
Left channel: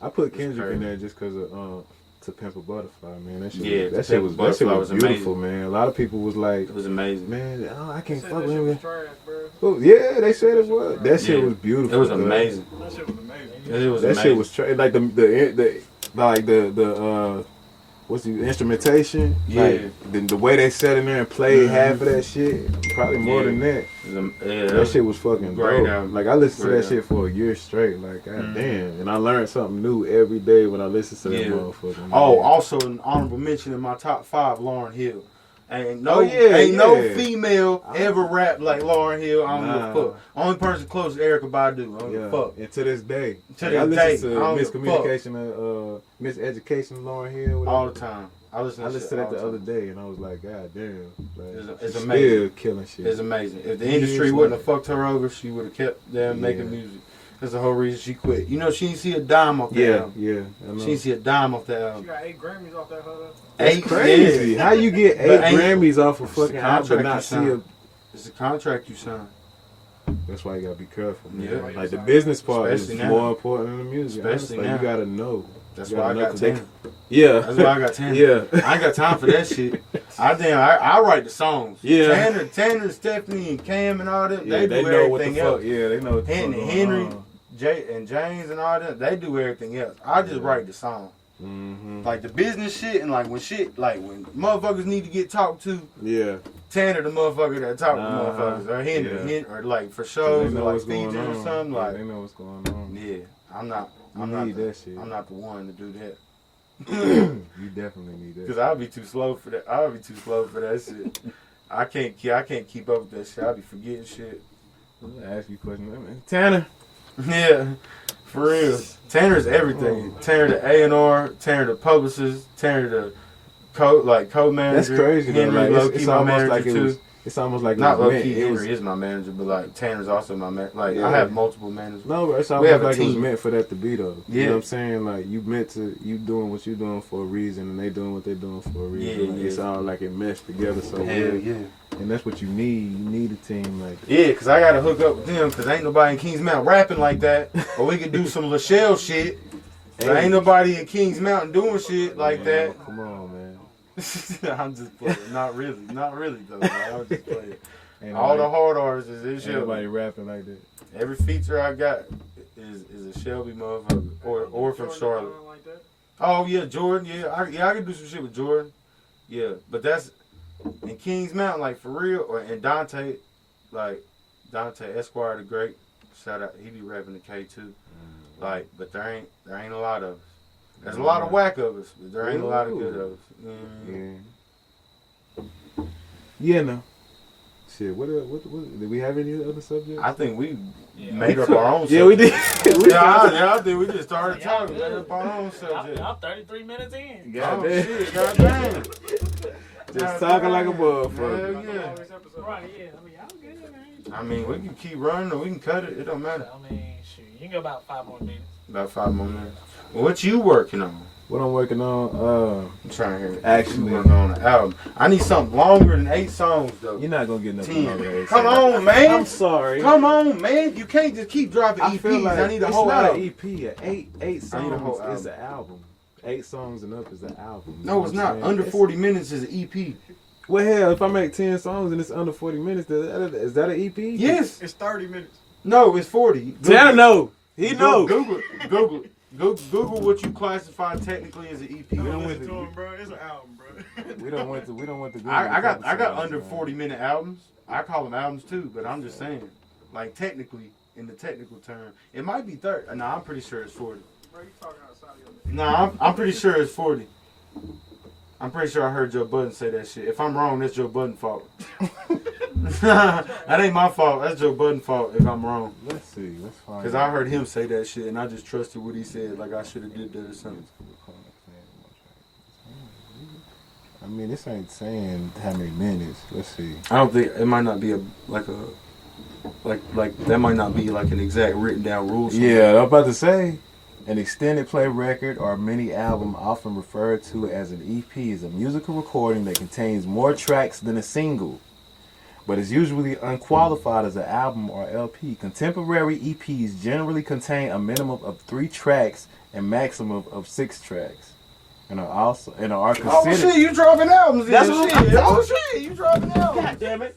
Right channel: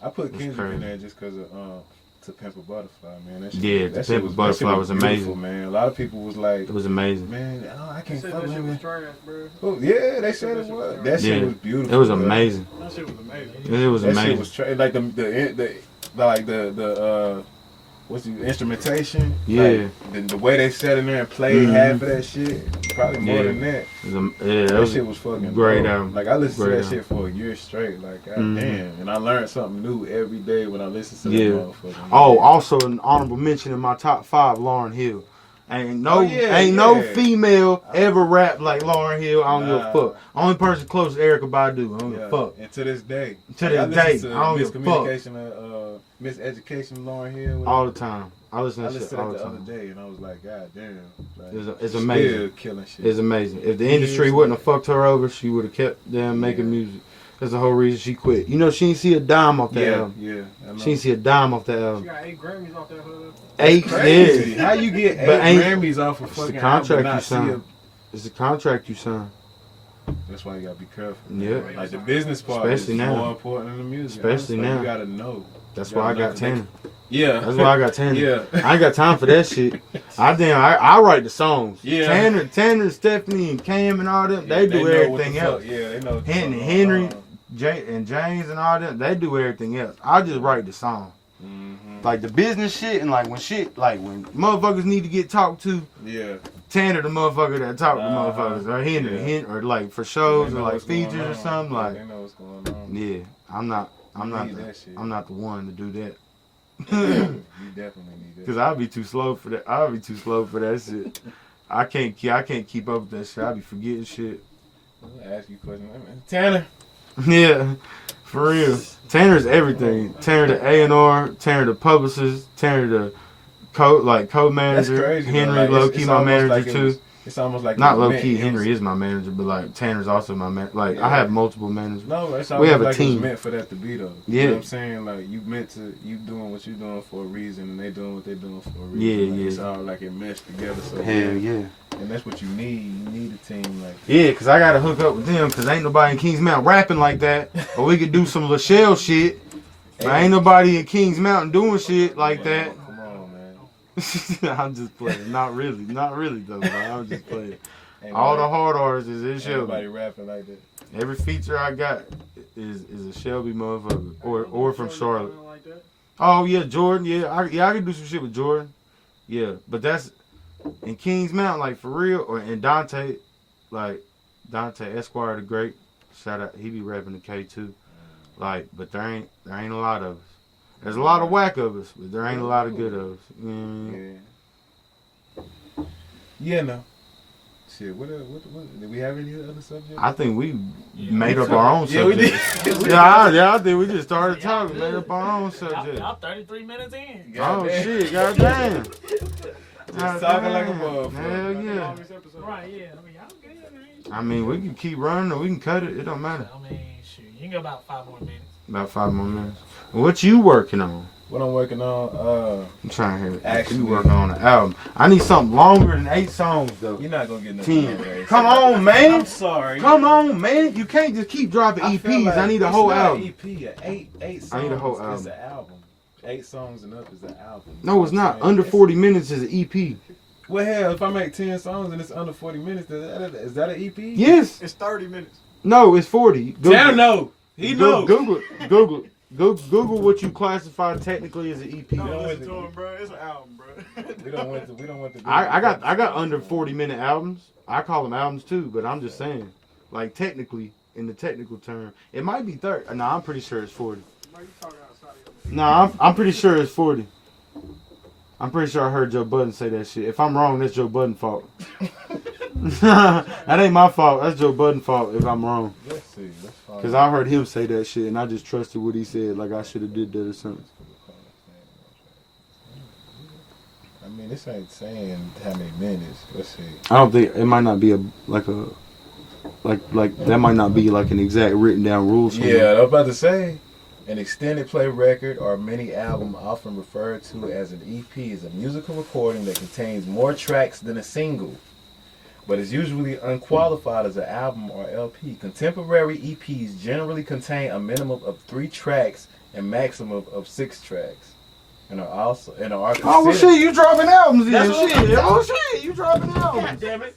I put That's Kendrick crazy. in there just because of To Pimp a Butterfly, man. That shit, Yeah, that To shit Pimp a was Butterfly was beautiful, amazing. man. A lot of people was like, It was amazing. man, I They can't said fuck that with shit was him. trash, bro. Oh, yeah, they said it was. That shit Yeah. was beautiful. It was bro. amazing. That shit was amazing. It was That amazing. shit was like the what's the instrumentation? Yeah. Like, the way they sat in there and played Mhm. half of that shit, probably more Yeah. than that. That Shit was fucking great dope. album. Like I listened to Great that shit for a year straight. Like god Mhm. damn, and I learned something new every day when I listened to that Yeah. motherfucker. Oh, man. also an honorable mention in my top 5, Lauryn Hill. Ain't no, Oh, yeah, ain't no yeah. female ever rap like Lauryn Hill. I don't give a Nah. fuck. Only person close to Erykah Badu. I don't give a fuck. And to this day. To I this listen day, to I don't give a fuck. Miscommunication, Miseducation, Lauryn Hill. whatever. All the time. I listen I to listened shit to all that the the other time. day, and I was like, God damn. Like, It's she's amazing. Still killing shit. It's amazing. If the Years industry wouldn't have later. fucked her over, she would have kept them making Yeah. music. That's the whole reason she quit. You know, she didn't see a dime off that Yeah, album. yeah. I know. She didn't see a dime off that She album. got 8 Grammys off that hood. Eight Crazy. How you get But 8 ain't- Grammys off a It's the fucking album contract and you not see signed. It's the contract you signed. That's why you gotta be careful. Man. Yeah. Like the business part Especially is now. more important than the music. Especially Honestly, now. You gotta know. That's You why I gotta know got 'cause they- 10. Yeah. That's why I got 10. Yeah. I ain't got time for that shit. I write the songs. Yeah. Tanner, Stephanie, and Cam and all them, Yeah, they do know what the everything fuck- else. Yeah, they know what the fuck going Henry, on. Jay, and James and all them, they do everything else. I just write the song. Mhm. Like the business shit and like when motherfuckers need to get talked to, Yeah. Tanner the motherfucker that talk to Uh-huh. motherfuckers, or Henry, Yeah. or like for They shows know or like what's going features or on. something. Yeah, Like, they know what's going on. yeah, I'm not need that shit. I'm not the one to do that. You definitely need that. Cause I'll be too slow for that. I'll be too slow for that shit. I can't keep up with that shit. I'll be forgetting shit. I'm gonna ask you a question. I mean, Tanner. Yeah, for real. Tanner's everything. Tanner the A&R, Tanner the publicist, Tanner the co-manager. That's crazy. though. Henry Like, low it's key my almost manager like it too. was- It's almost like Not it was low meant- key. it was- Henry is my manager, but like Tanner's also my manager. Like Yeah. I have multiple managers. No, it's We almost have a like it was team. meant for that to be though. You Yeah. know what I'm saying? Like you doing what you doing for a reason, and they doing what they doing for a reason. Yeah, Like, yeah. It's all like it meshed together. So Hell well. yeah. And that's what you need. You need a team like that. Yeah, cause I gotta hook up with them, cause ain't nobody in Kings Mountain rapping like that. Or we could do some Lachelle shit. But Hey. ain't nobody in Kings Mountain doing shit like that. Come on, man. I'm just playing. Not really though. Man. I'm just playing. Ain't All the nobody- hard artists is in ain't Shelby. nobody rapping like that. Every feature I got is a Shelby motherfucker, or from Charlotte. Like that. Oh yeah, Jordan. Yeah, I can do some shit with Jordan. Yeah, but that's in Kings Mountain, like for real. Or in Dante, like Dante Esquire the Great. Shout out, he be rapping the K too. Like, but there ain't a lot of us. There's a lot of whack of us, but there ain't a lot of good of us. You know what I mean? Yeah. Yeah, no. Shit, what did we have any other subjects? I think we Yeah. made up our own. Yeah, we did. subject. yeah, I think we just started talking, made up our own subject. Y'all 33 minutes in. Oh shit, goddamn. Just talking like a motherfucker. Hell yeah. Longest episode. Right, yeah. I mean, y'all good, man. I mean, we can keep running or we can cut it. It don't matter. I mean, shoot. You can go about 5 more minutes. About 5 more minutes. What you working on? What I'm working on, I'm trying to hear. Actually- you working on an album. I need something longer than 8 songs though. you're not gonna get nothing 10. over there. Come on, man. I'm sorry. Come on, man. You can't just keep dropping I EPs. feel like I need a it's whole not album. An EP. Eight songs I need a whole is album. the album. 8 songs and up is the album. You No, know it's what I'm not. saying? Under It's- 40 minutes is an EP. Well, hell, if I make 10 songs and it's under 40 minutes, is that an EP? Yes. It's 30 minutes. No, it's 40. Tanner know. He knows. Google what you classify technically as an EP. No, don't listen with to it. him, bro. It's an album, bro. We don't want to. I got under 40-minute albums. I call them albums too, but I'm just saying, like technically, in the technical term, it might be 30. No, I'm pretty sure it's 40. Bro, you talking outside of your No, I'm pretty sure it's 40. I'm pretty sure I heard Joe Budden say that shit. If I'm wrong, that's Joe Budden's fault. That ain't my fault. That's Joe Budden's fault if I'm wrong. Let's see. Let's find Because I heard him say that shit and I just trusted what he said. Like I should have did that or something. I mean, this ain't saying how many minutes. Let's see. I don't think it might not be like that might not be like an exact written down rule. somewhere. Yeah, I was about to say. An extended play record or mini album, often referred to as an EP, is a musical recording that contains more tracks than a single, but is usually unqualified as an album or LP. Contemporary EPs generally contain a minimum of 3 tracks and maximum of 6 tracks, and are considered. Oh well, shit, you dropping albums? That's Then. what Shit. Oh shit, you dropping albums? God damn it.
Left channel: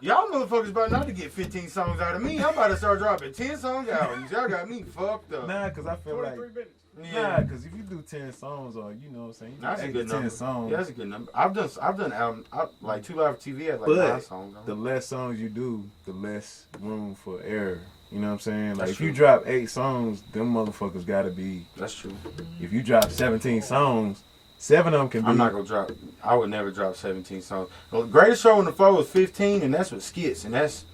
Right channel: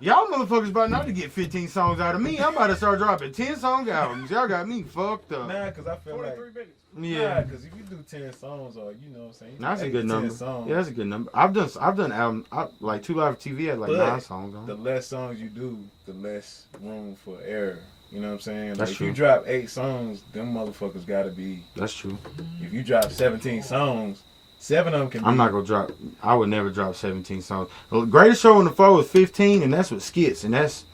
Y'all motherfuckers about not to get 15 songs out of me. I'm about to start dropping 10 song albums. Y'all got me fucked up. Nah, because I feel like 43 minutes. yeah, because if you do 10 songs or you know what I'm saying, That's a 8 good to 10 number. songs. Yeah, that's a good number. I've done album. Like 2 Live TV had like But 9 songs on the it. less songs you do, the less room for error. You know what I'm saying? Like That's if you true. drop 8 songs, them motherfuckers gotta be. That's true. If you drop 17 songs, 7 of them can be. I'm not gonna drop. I would never drop 17 songs. The greatest show on the floor was 15, and that's with skits, and that's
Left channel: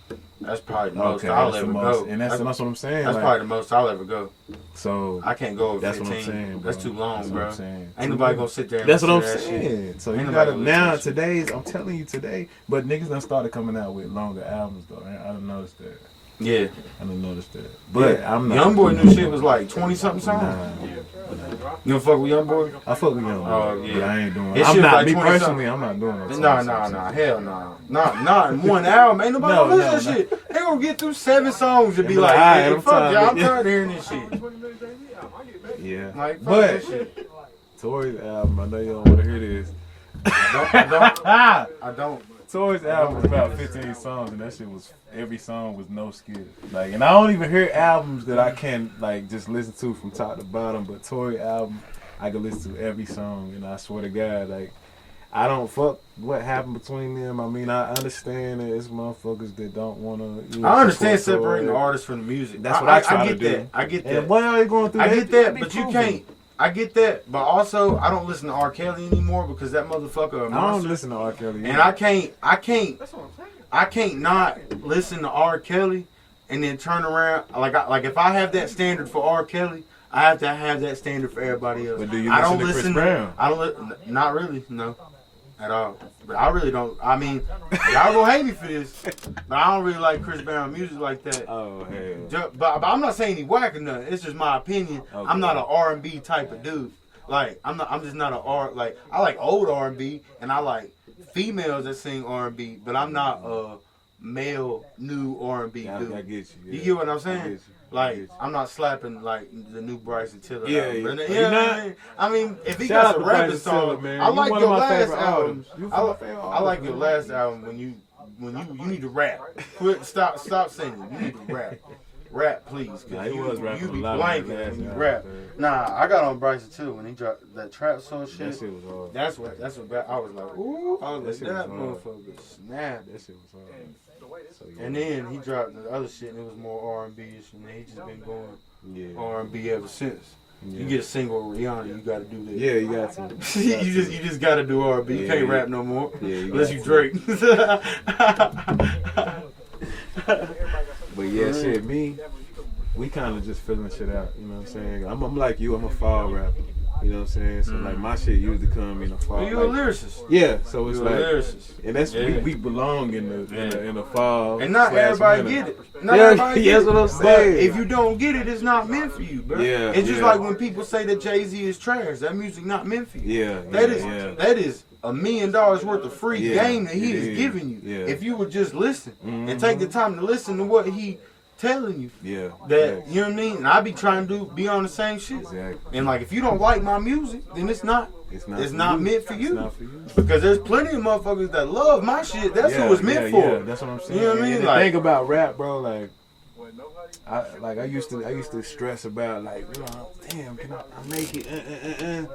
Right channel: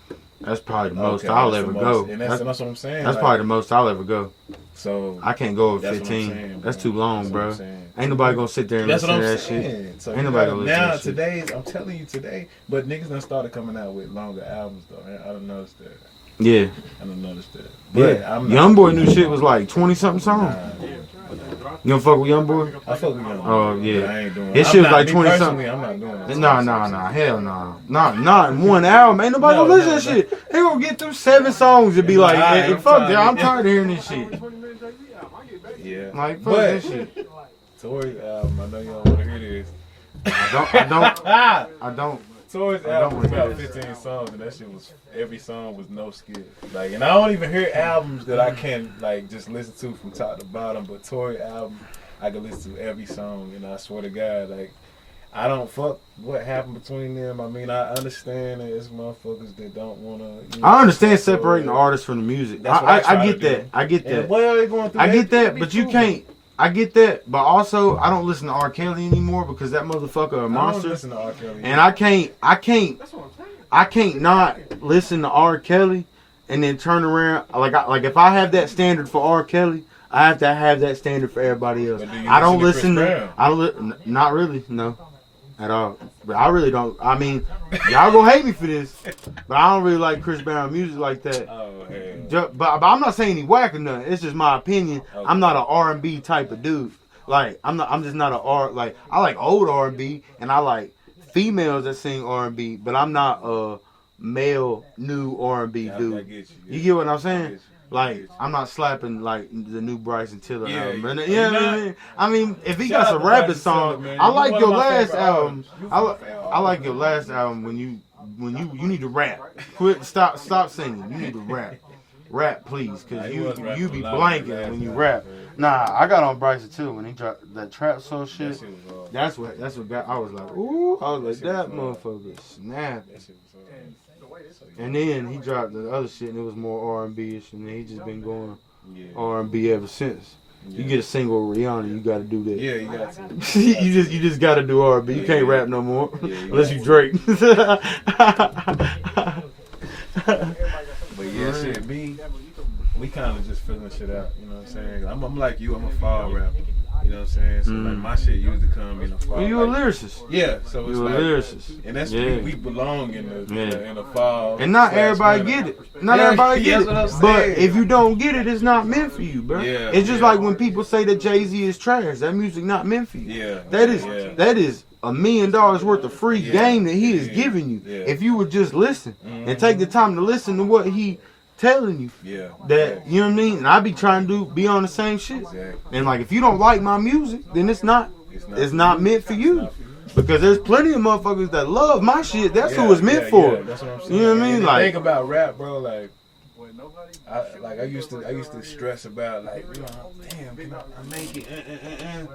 probably the most I'll ever go. And that's what I'm saying. That's probably the most I'll ever go. So I can't go with that's 15. what I'm saying, that's too long, that's bro. What I'm saying. Ain't nobody gonna sit there and that's listen what I'm to that saying. shit. So Ain't you nobody gotta, gonna listen now to that shit. today's, I'm telling you today, but niggas done started coming out with longer albums though. I done noticed that. Yeah. I done noticed that. But yeah. I'm not. Youngboy new shit was like 20 something songs. Nah. You don't fuck with Youngboy? I fuck with Youngboy. Oh yeah. But I ain't doing. His I'm shit was not, like me 20 personally, something. I'm not doing it. Nah, hell nah. Not in one album. Ain't nobody gonna listen to that shit. They gonna get through 7 songs and be like, hey, fuck yeah, I'm tired of hearing this shit. Yeah. Like, fuck but this shit. Tory's album, I know you don't want to hear this. I don't. Tory's album was about 15 songs, and that shit was, every song was no skit. Like, and I don't even hear albums that I can like just listen to from top to bottom. But Tory album, I can listen to every song, and I swear to God, like, I don't fuck what happened between them. I mean, I understand that it's motherfuckers that don't want to. I understand separating the artist from the music. That's what I get that. I get that. And well, they going through. I get that, but you can't. I get that, but also I don't listen to R. Kelly anymore because that motherfucker a monster. I don't listen to R. Kelly. And I can't not listen to R. Kelly and then turn around like if I have that standard for R. Kelly, I have to have that standard for everybody else. But do you I don't listen to Chris Brown? I don't not really, no, at all. But I really don't. I mean, y'all gonna hate me for this, but I don't really like Chris Brown music like that. Oh hell. But I'm not saying he whack or nothing. It's just my opinion. Okay. I'm not an R&B type of dude. Like I'm just not an R. Like I like old R&B and I like females that sing R&B, but I'm not a male new R&B dude. I get you. Yeah. You get what I'm I saying? get you. Like I'm not slapping like the new Bryson Tiller Yeah, album. yeah. You know what I mean? I mean, if he Shout got out some to rapping Bryson songs, Tiller, man. I You like one your of my last favorite album. artists. You I favorite like artist. your last album when you need to rap. Quit, stop singing. You need to rap. Rap, please, Nah, cause he was rapping you be a lot on blanking his when you last rap. album. Nah, I got on Bryson too when he dropped that trap soul shit. That shit was hard. That's what I was like, ooh, I was like, that shit was motherfucker snap. That shit was hard. So, yeah. And then he dropped the other shit and it was more R&B-ish, and then he just been going Yeah. R&B ever since. Yeah. You get a single with Rihanna, you gotta do that. Yeah, you got to. you just gotta do R&B. You Yeah, can't yeah. rap no more Yeah, you unless got you to. Drake. But yeah, shit, we kind of just filling shit out, you know what I'm saying? I'm like you, I'm a fall rapper, you know what I'm saying? So like my shit usually come in the fall. Well, you a like, lyricist. yeah, so it's You a like, lyricist. and that's Yeah. we belong in the fall. And not slash everybody winter. get it. Not Yeah, everybody get that's it. what I'm But saying. if you don't get it, it's not meant for you, bro. Yeah, it's just yeah. like when people say that Jay-Z is trash. That music not meant for you. Yeah, That is $1 million worth of free Yeah, game that he is yeah, giving you. yeah. If you would just listen and take the time to listen to what he telling you. Yeah. That you know what I mean? And I be trying to be on the same shit. Exactly. And like if you don't like my music, then it's not meant for you. not for you. Because there's plenty of motherfuckers that love my shit. That's who it's meant for. Yeah, that's what I'm saying. You know what I mean? And the Like thing about rap, bro, like I used to stress about like, you know, damn, can I make it?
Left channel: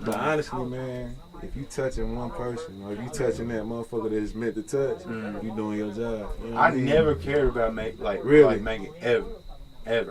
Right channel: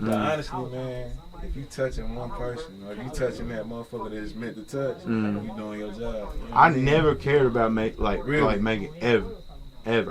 But honestly, man, if you touching one person or if you touching that motherfucker that is meant to touch, you doing your job. You know what I mean? never cared about Really? making ever.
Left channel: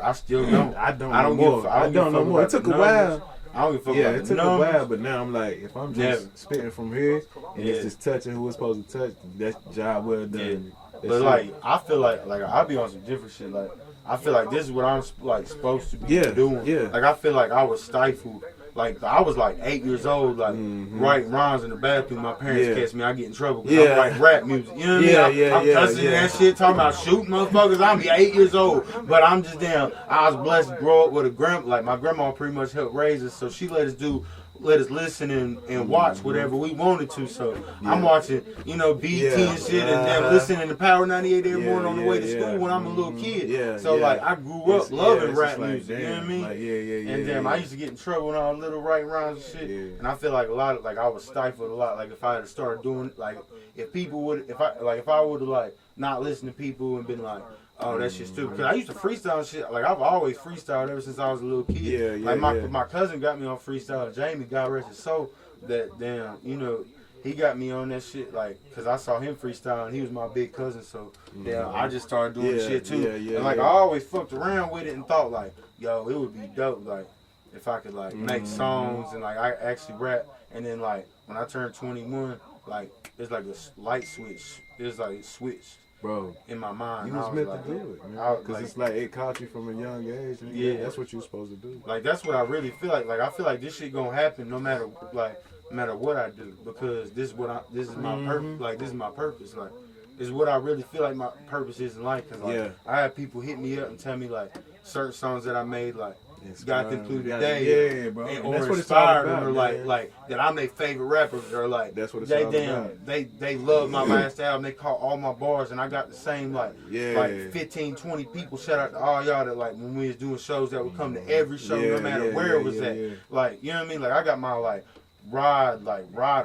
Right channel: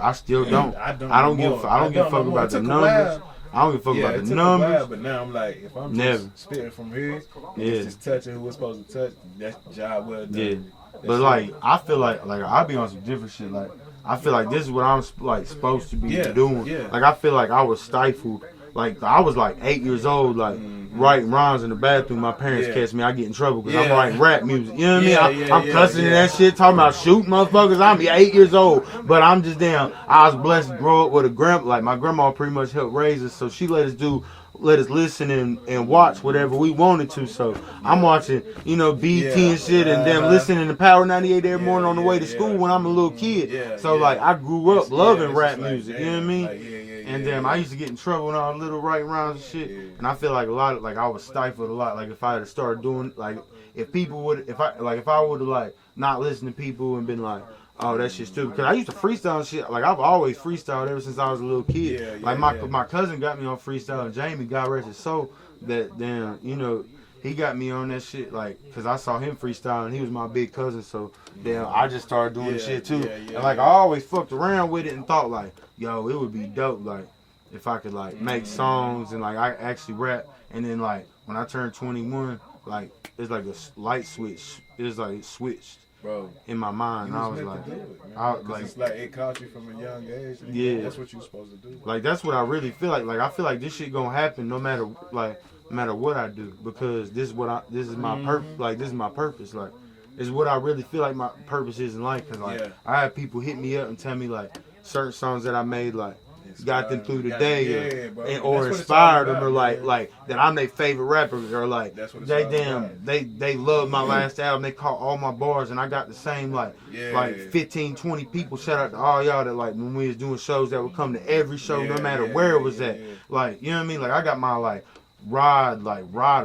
I still don't. I don't give no more. a fuck. I don't give a fuck no more. about It took the a numbers. while. I don't give a fuck Yeah, about it the took a numbers. while, but now I'm like, if I'm just Never. spitting from here, and Yeah. it's just touching who it's supposed to touch, that's job well done. Yeah. That But shit- like, I feel like I be on some different shit. Like, I feel like this is what I'm like supposed to be doing. yeah. Like, I feel like I was stifled. Like, I was like 8 years old, like writing rhymes in the bathroom. My parents Yeah. catch me, I get in trouble because Yeah. I'm writing rap music. You know what I mean? Yeah, I'm cussing and yeah. that shit, talking about shooting motherfuckers. I'm 8 years old, but I'm just damn. I was blessed to grow up with a grandma. Like my grandma pretty much helped raise us, so she let us listen and watch whatever we wanted to. So I'm watching, you know, BT and shit, and then listening to Power 98 every morning on the way to school when I'm a little kid. Yeah, so yeah. like I grew up loving it's rap just like, music. You know what I damn, mean? like, yeah, And then I used to get in trouble with all the little right rhymes and shit. Yeah. And I feel like a lot of like I was stifled a lot. Like if I had started doing like if people would if I would have like not listened to people and been like, oh, that shit's stupid. Because I used to freestyle and shit. Like, I've always freestyled ever since I was a little kid. Yeah, like, my cousin got me on freestyle. Jamie, God rest his soul, that damn, you know, he got me on that shit, like, because I saw him freestyle, and he was my big cousin, so, damn, I just started doing shit, too. And, like, I always fucked around with it and thought, like, yo, it would be dope, like, if I could, like, make songs and, like, I actually rap And then like when I turned 21, like it's like a light switch. It's like it switched, bro. in my mind. You I was was meant like, to do it, man. I, Because it's like it caught you from a young age. And Yeah. That's what you're supposed to do. like that's what I really feel like. Like I feel like this shit gonna happen no matter what I do, because this is my purpose. Like this is my purpose. Like it's what I really feel like my purpose is in life. Cause like I have people hit me up and tell me like certain songs that I made like got them through the day, or inspired them, or like that I'm their favorite rappers, or like that's what it's they all damn about. they love my last album. They caught all my bars, and I got the same like 15, 20 people. Shout out to all y'all that like when we was doing shows that would come to every show, no matter where it was at. Like you know what I mean? Like I got my like Rider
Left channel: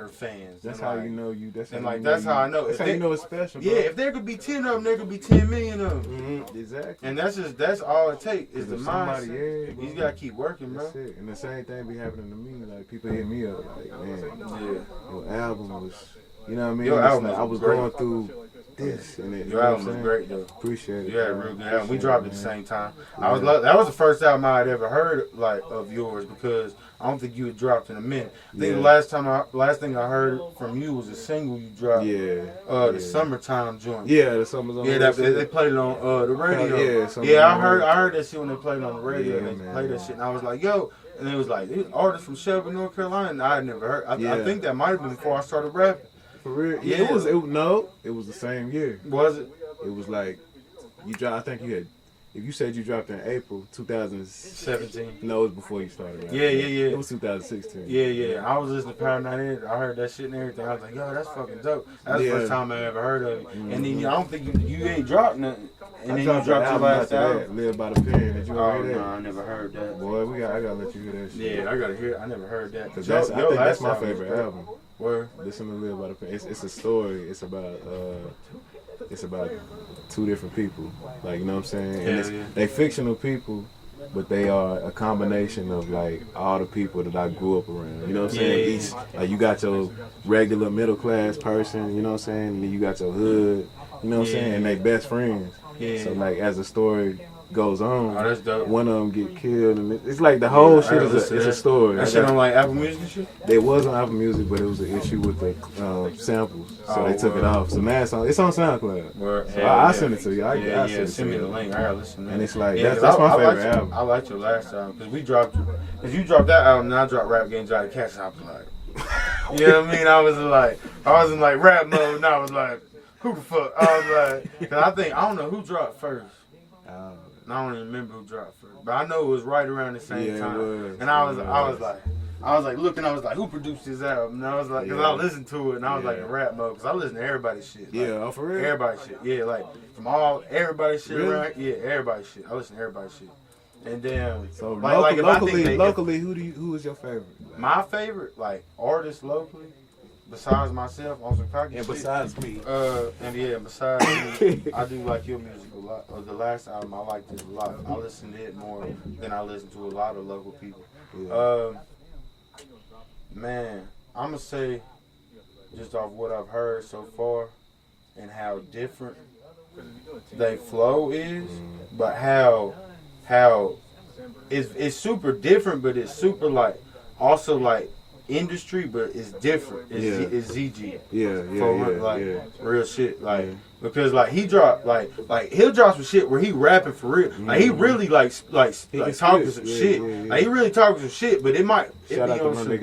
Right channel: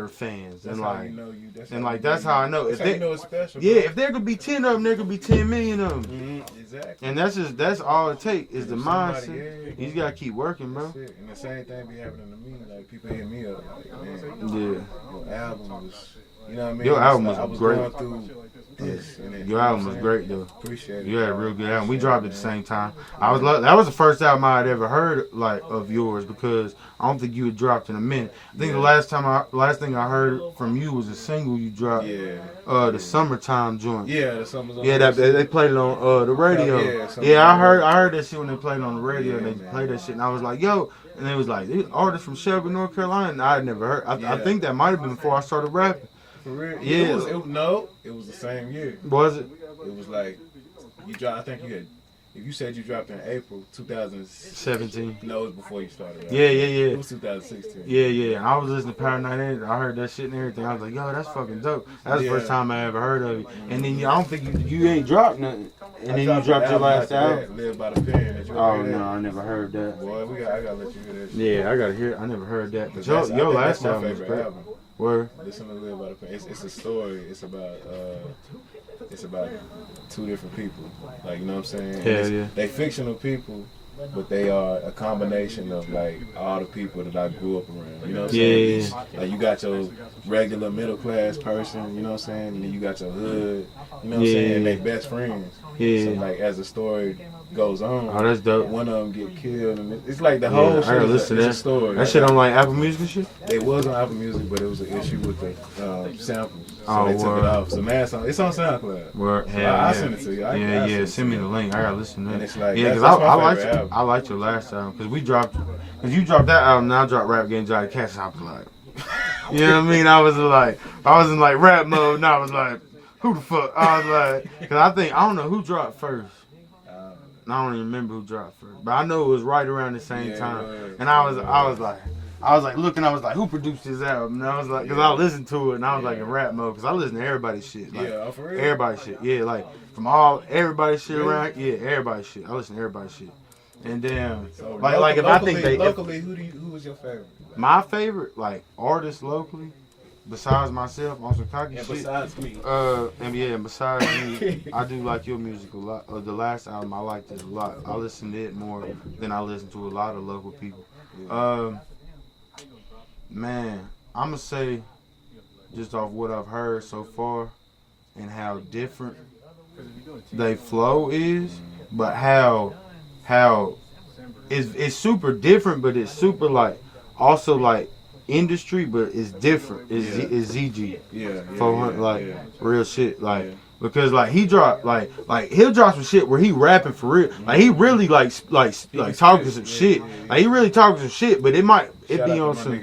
fans. That's and how like, you know you. That's and how like you that's know how I you, know. That's how you know it's special. Bro. Yeah, if there could be 10 of them, there could be 10 million of them. Exactly. And that's all it takes is the somebody, mindset. You just gotta keep working, bro. That's it. And the same thing be happening to me. Like people hit me up, like, man, your album was, you know what I mean? Your album like, was I was great. going through this, and then, Your album was great though. Appreciate it. You had a real good album. We dropped it at the same time. That was the first album I had ever heard like of yours, because I don't think you had dropped in a minute. I think the last thing I heard from you was a single you dropped. The Summertime joint. Yeah, the summer's on. Yeah, they played it on the radio. I heard that shit when they played it on the radio. They played that shit, and I was like, yo. And it was like, these artists from Shelby, North Carolina, and I had never heard. I think that might have been before I started rapping. For real? Yeah. It was the same year. Was it? It was like, you dropped, I think you had, if you said you dropped in April 2017. No, it was before you started rapping. Yeah. It was 2016. Yeah. I was listening to Power 98. I heard that shit and everything. I was like, yo, that's fucking dope. That's the first time I ever heard of it. And then I don't think you ain't dropped nothing. And then you dropped your last album. Live by the Pen. Did you Oh, hear that? no, I never heard that. Boy, I gotta let you hear that shit. Yeah, I gotta hear it. I never heard that. I think that's my album favorite album. Where? Listen to Live by the Pen. It's a story. It's about two different people. Like, you know what I'm saying? They fictional people, but they are a combination of like all the people that I grew up around. You know what I'm saying? Like you got your regular middle class person, you know what I'm saying? And then you got your hood, you know what I'm saying? And they best friends. So like as the story goes on, that's dope. One of them get killed, and it's like the whole shit is a story. That shit on like Apple Music and shit? They was on Apple Music, but it was an issue with the samples, so they took it off. So man, it's on SoundCloud. So I'll send it to you. Send me the link. I gotta listen to it. And it's like that's my favorite album. I liked your last album because you dropped that album, and I dropped Rap Game Johnny Cash. I was like, you know what I mean? I was in like rap mode, and I was like, who the fuck? I was like, because I don't know who dropped first. I don't even remember who dropped first, but I know it was right around the same time. And I was like looking, I was like, who produced this album? And I was like, because I listened to it, and I was like in rap mode, because I listen to everybody's shit. Like, for real? Everybody's shit. Yeah, like from everybody's shit around. Yeah, everybody's shit. I listen to everybody's shit. And then, so locally, who is your favorite? My favorite, like artist locally, besides myself on some cocky shit. Besides me. And besides me, I do like your music a lot. The last album, I liked it a lot. I listen to it more than I listen to a lot of local people. Man, I'm going to say, just off what I've heard so far and how different they flow is, but how it's super different, but it's super like, also like, industry, but it's different. It's ZG. Real shit. Like because like he dropped like he'll drop some shit where he rapping for real. Like he really like talking some shit. Like he really talking some shit, but it be on some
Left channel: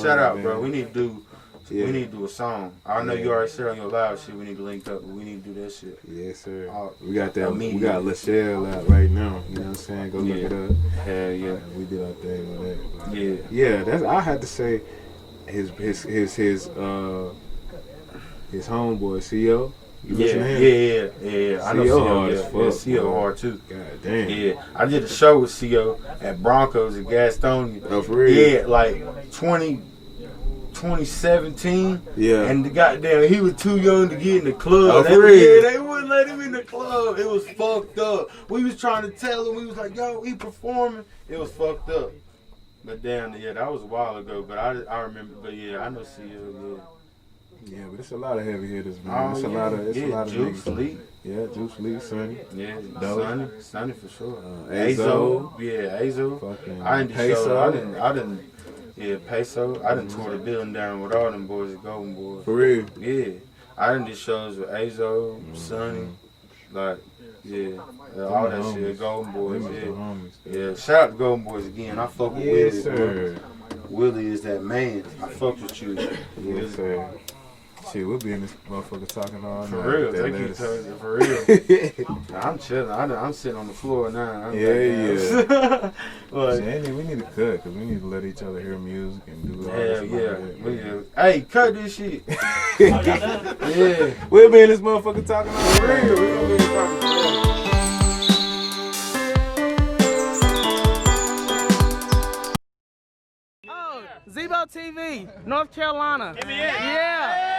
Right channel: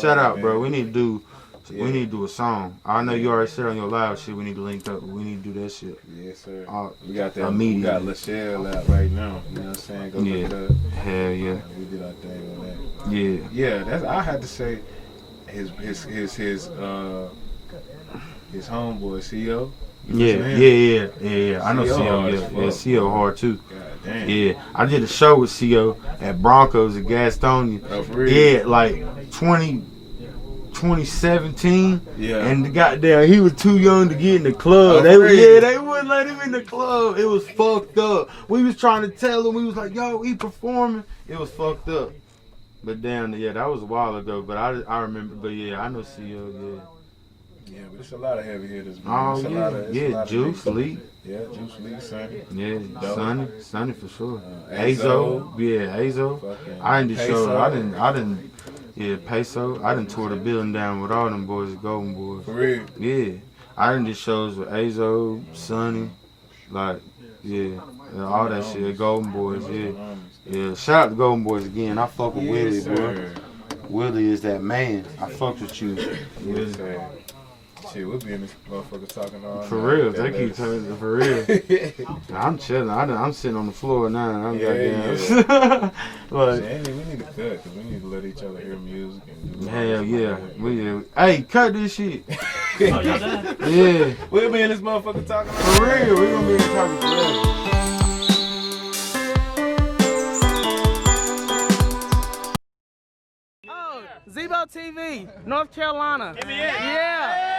shout out, bro. We need to do a song. I know you already said on your live shit we need to link up, but we need to do that shit. Yes, sir. We got that. We got LaShelle out right now. You know what I'm saying? Go look it up. Hell yeah. We did our thing on that. Yeah. That's I had to say his homeboy CO. Yeah. I know CO. Yeah, CO hard too. God damn. Yeah, I did a show with CO at Broncos at Gastonia. Oh, for real? Yeah, like 2017. Yeah. And the goddamn, he was too young to get in the club. They wouldn't let him in the club. It was fucked up. We was trying to tell him. We was like, yo, he performing. It was fucked up. But damn, yeah, that was a while ago. But I remember. But yeah, I know CO. Yeah, but it's a lot of heavy hitters, man. It's a lot of Juice, Lee. Yeah, Juice, Lee, Sonny. Yeah, Sonny for sure. Azo. Azo. Fucking I didn't show. I didn't. Yeah, Peso. I done tore the building down with all them boys at Golden Boys. For real. Yeah. I done did shows with Azo, Sonny, like, yeah, all that shit. Golden Boys, yeah. Yeah, shout out to Golden Boys again. I fuck with Willie, bro. Willie is that man. I fuck with you. Yes, sir. Shit, we'll be in this motherfucker talking all For night. real, they keep telling for real. I'm chilling. I'm sitting on the floor now. I'm Yeah. But Andy, we need to cut because we need to let each other hear music and do all hell that yeah. like that. Hey, cut this shit. Oh, y'all done? Yeah. We'll be in this motherfucker talking all For night. real, we gonna be talking forever. Oh, Zebo TV, North Carolina. Give me it. Yeah.